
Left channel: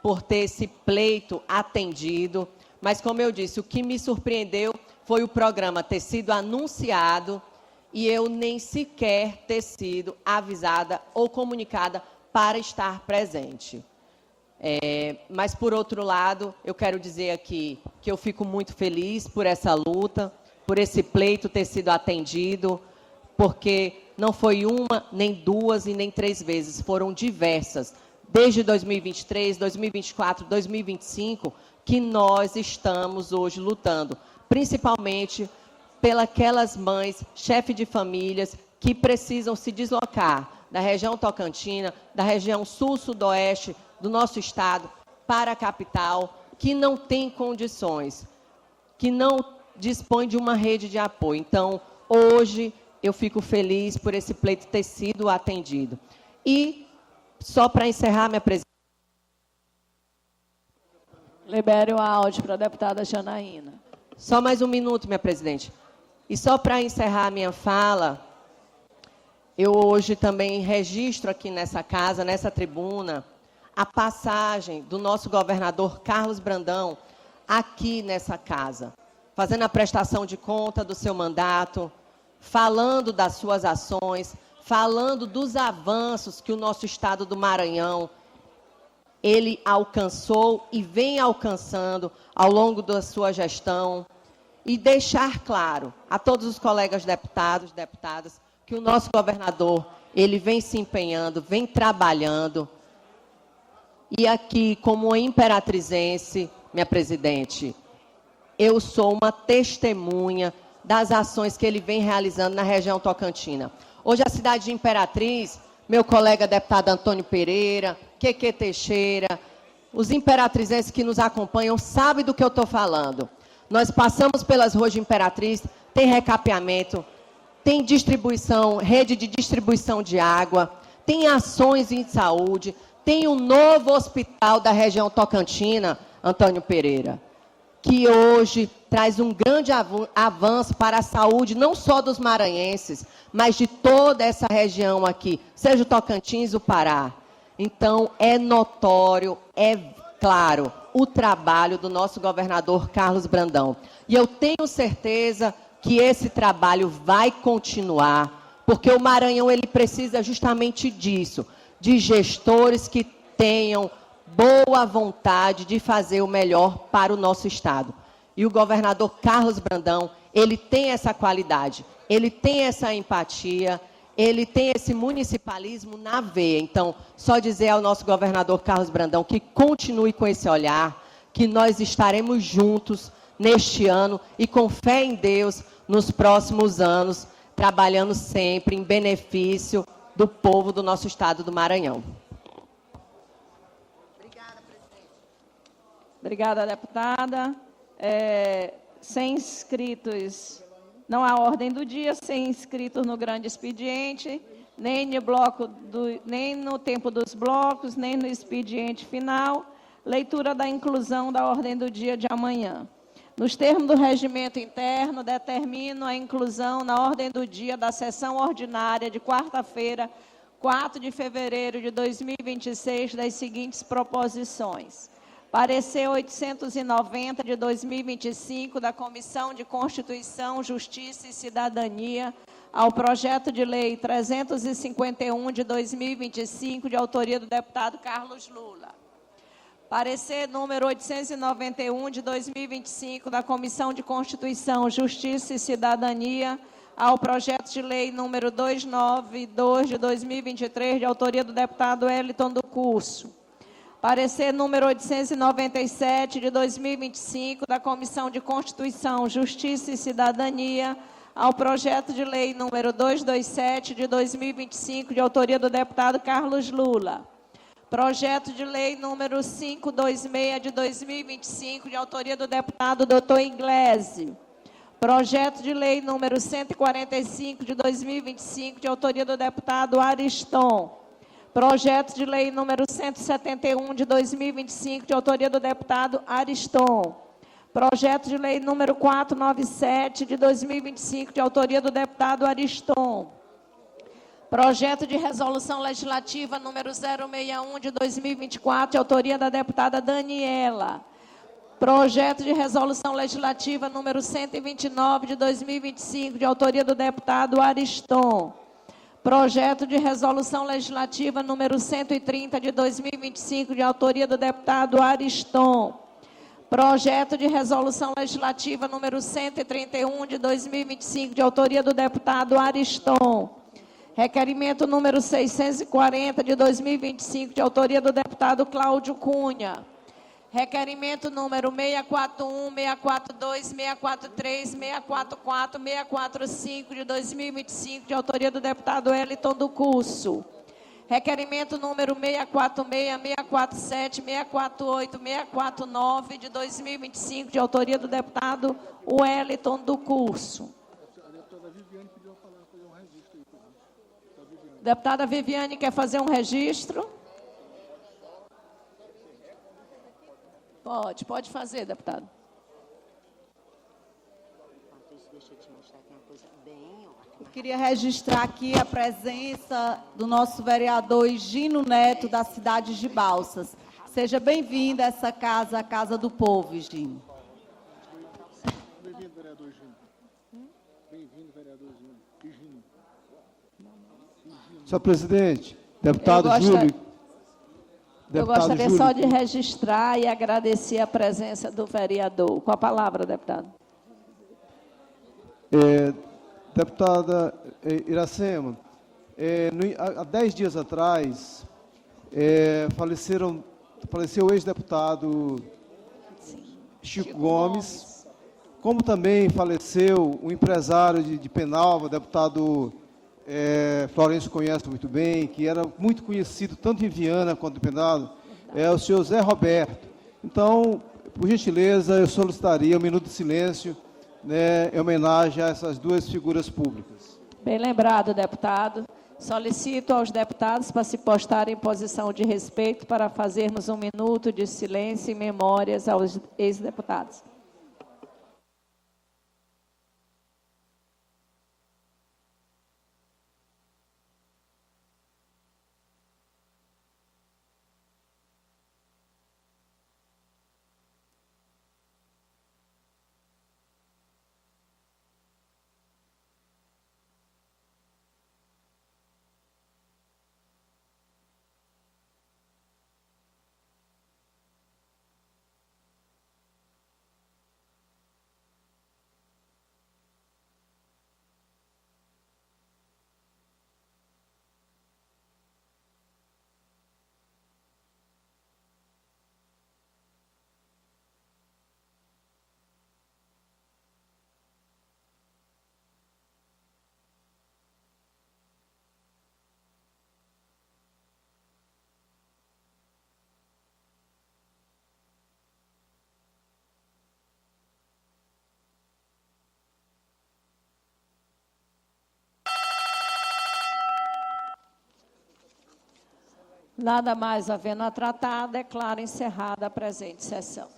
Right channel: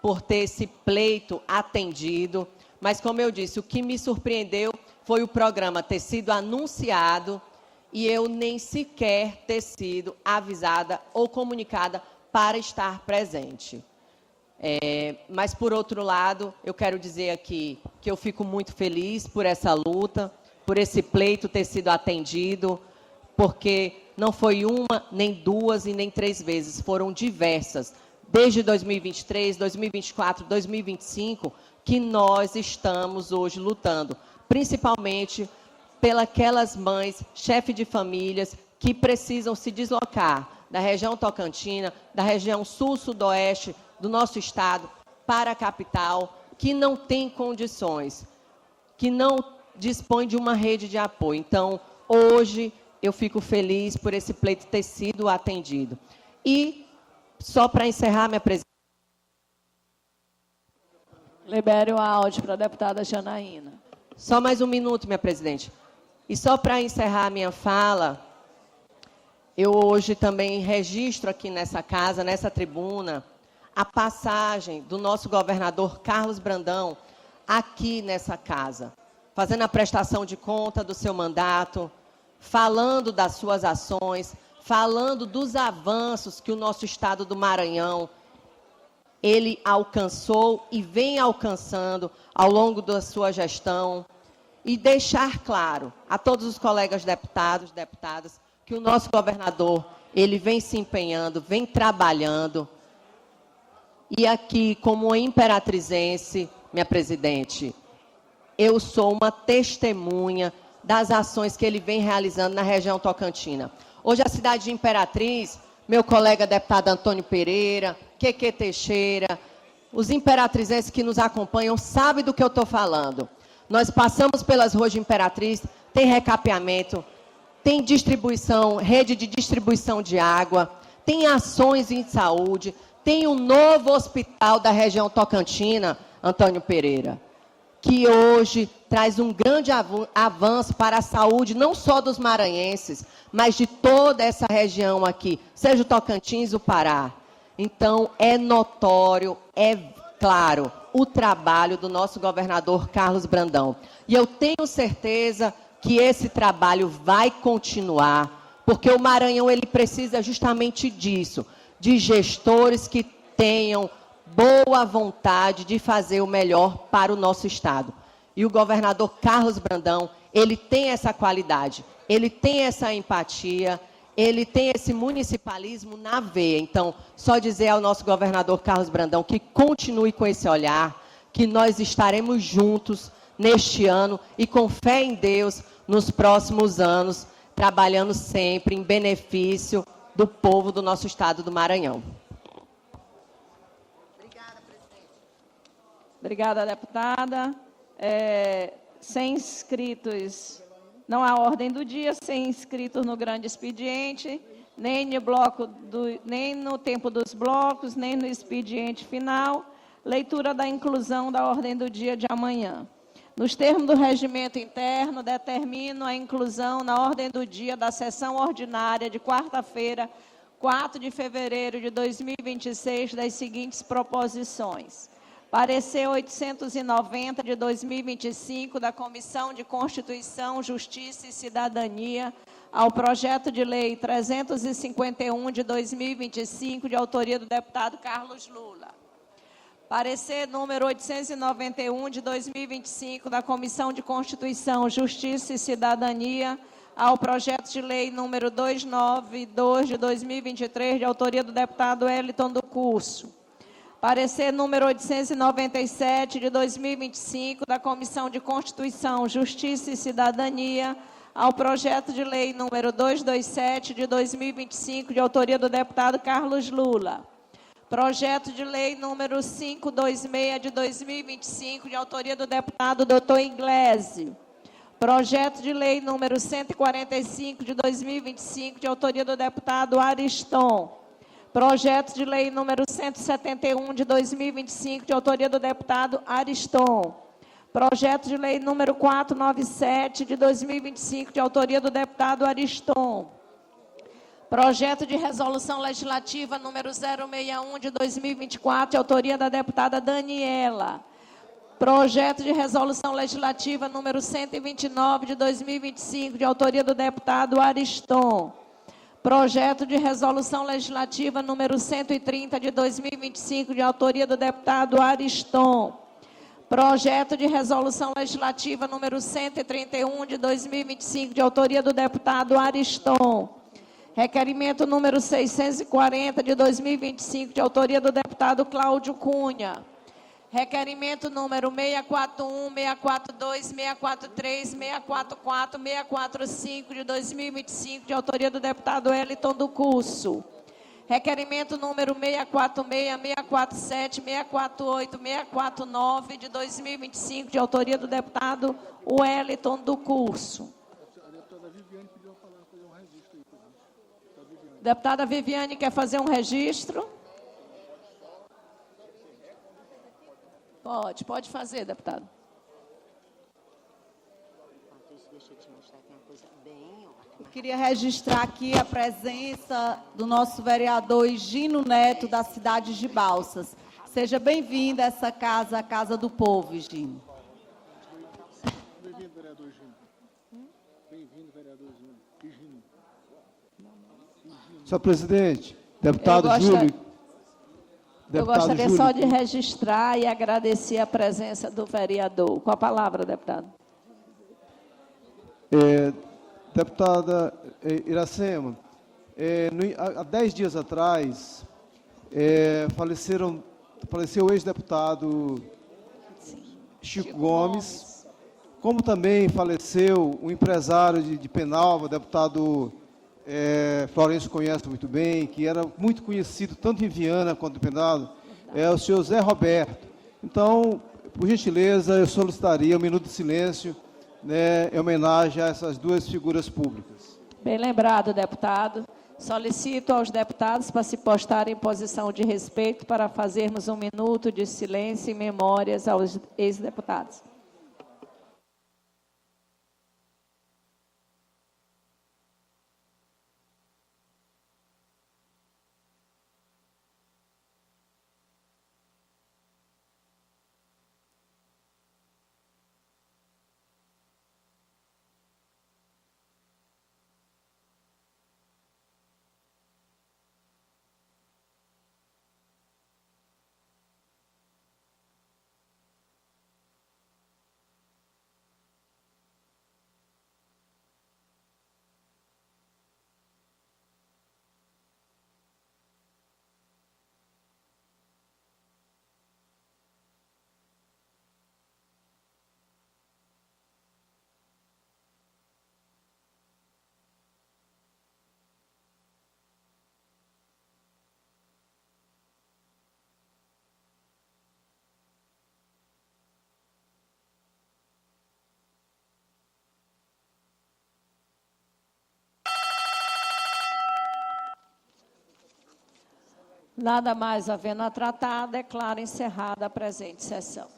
por ter esse pleito atendido, mas como eu disse, o que me surpreendeu foi o programa ter sido anunciado e eu nem sequer ter sido avisada ou comunicada para estar presente. Mas, por outro lado, eu quero dizer aqui que eu fico muito feliz por essa luta, por esse pleito ter sido atendido, porque não foi uma, nem duas e nem três vezes, foram diversas. Desde 2023, 2024, 2025, que nós estamos hoje lutando, principalmente pelas mães, chefes de famílias, que precisam se deslocar da região tocantina, da região sul-sudoeste do nosso estado, para a capital, que não tem condições, que não dispõe de uma rede de apoio. Então, hoje, eu fico feliz por esse pleito ter sido atendido. E, só para encerrar, minha presidente. Libere o áudio para a deputada Janaína. Só mais um minuto, minha presidente. E só para encerrar a minha fala, eu hoje também registro aqui nessa casa, nessa tribuna, a passagem do nosso governador Carlos Brandão aqui nessa casa, fazendo a prestação de conta do seu mandato, falando das suas ações, falando dos avanços que o nosso estado do Maranhão ele alcançou e vem alcançando ao longo da sua gestão, e deixar claro a todos os colegas deputados, deputadas, que o nosso governador, ele vem se empenhando, vem trabalhando. E aqui, como imperatrizense, minha presidente, eu sou uma testemunha das ações que ele vem realizando na região tocantina. Hoje, a cidade de Imperatriz, meu colega deputado Antônio Pereira, Queque Teixeira, os imperatrizenses que nos acompanham sabem do que eu estou falando. Nós passamos pelas ruas de Imperatriz, tem recapeamento, tem distribuição, rede de distribuição de água, tem ações em saúde, tem um novo hospital da região tocantina, Antônio Pereira, que hoje traz um grande avanço para a saúde, não só dos maranhenses, mas de toda essa região aqui, seja o Tocantins, o Pará. Então, é notório, é claro, o trabalho do nosso governador Carlos Brandão. E eu tenho certeza que esse trabalho vai continuar, porque o Maranhão ele precisa justamente disso, de gestores que tenham boa vontade de fazer o melhor para o nosso estado. E o governador Carlos Brandão, ele tem essa qualidade, ele tem essa empatia, ele tem esse municipalismo na veia. Então, só dizer ao nosso governador Carlos Brandão que continue com esse olhar, que nós estaremos juntos neste ano e com fé em Deus nos próximos anos, trabalhando sempre em benefício do povo do nosso estado do Maranhão. Obrigada, presidente. Obrigada, deputada. Sem inscritos, não há ordem do dia, sem inscritos no grande expediente, nem no tempo dos blocos, nem no expediente final. Leitura da inclusão da ordem do dia de amanhã. Nos termos do regimento interno, determino a inclusão na ordem do dia da sessão ordinária de quarta-feira, 4 de fevereiro de 2026, das seguintes proposições. Parecer 890 de 2025 da Comissão de Constituição, Justiça e Cidadania ao projeto de lei 351 de 2025, de autoria do deputado Carlos Lula. Parecer número 891 de 2025 da Comissão de Constituição, Justiça e Cidadania ao projeto de lei número 292 de 2023, de autoria do deputado Wellington do Curso. Parecer número 897 de 2025 da Comissão de Constituição, Justiça e Cidadania ao projeto de lei número 227 de 2025, de autoria do deputado Carlos Lula. Projeto de lei número 526 de 2025, de autoria do deputado Dr. Inglese. Projeto de lei número 145 de 2025, de autoria do deputado Ariston. Projeto de lei número 171 de 2025, de autoria do deputado Ariston. Projeto de lei número 497 de 2025, de autoria do deputado Ariston. Projeto de resolução legislativa número 061 de 2024, de autoria da deputada Daniela. Projeto de resolução legislativa número 129 de 2025, de autoria do deputado Ariston. Projeto de resolução legislativa número 130 de 2025, de autoria do deputado Ariston. Projeto de resolução legislativa número 131 de 2025, de autoria do deputado Ariston. Requerimento número 640 de 2025, de autoria do deputado Cláudio Cunha. Requerimento número 641, 642, 643, 644, 645 de 2025, de autoria do deputado Wellington do Curso. Requerimento número 646, 647, 648, 649, de 2025, de autoria do deputado Wellington do Curso. Deputada Viviane quer fazer um registro? Pode fazer, deputado. Eu queria registrar aqui a presença do nosso vereador Higino Neto, da cidade de Balsas. Seja bem-vindo a essa casa, a Casa do Povo, Higino. Bem-vindo, vereador Higino. Bem-vindo, vereador Higino. Senhor presidente, deputado Júlio. Eu gostaria só de registrar e agradecer a presença do vereador. Com a palavra, deputado. Deputada Iracema, há 10 dias atrás, faleceu o ex-deputado Chico Gomes, como também faleceu o empresário de Penalva, deputado Florencio conhece muito bem, que era muito conhecido tanto em Viana quanto em Penalva, o senhor Zé Roberto. Então, por gentileza, eu solicitaria um minuto de silêncio, em homenagem a essas duas figuras públicas. Bem lembrado, deputado. Solicito aos deputados para se postarem em posição de respeito para fazermos um minuto de silêncio e memórias aos ex-deputados. Nada mais havendo a tratar, declaro encerrada a presente sessão.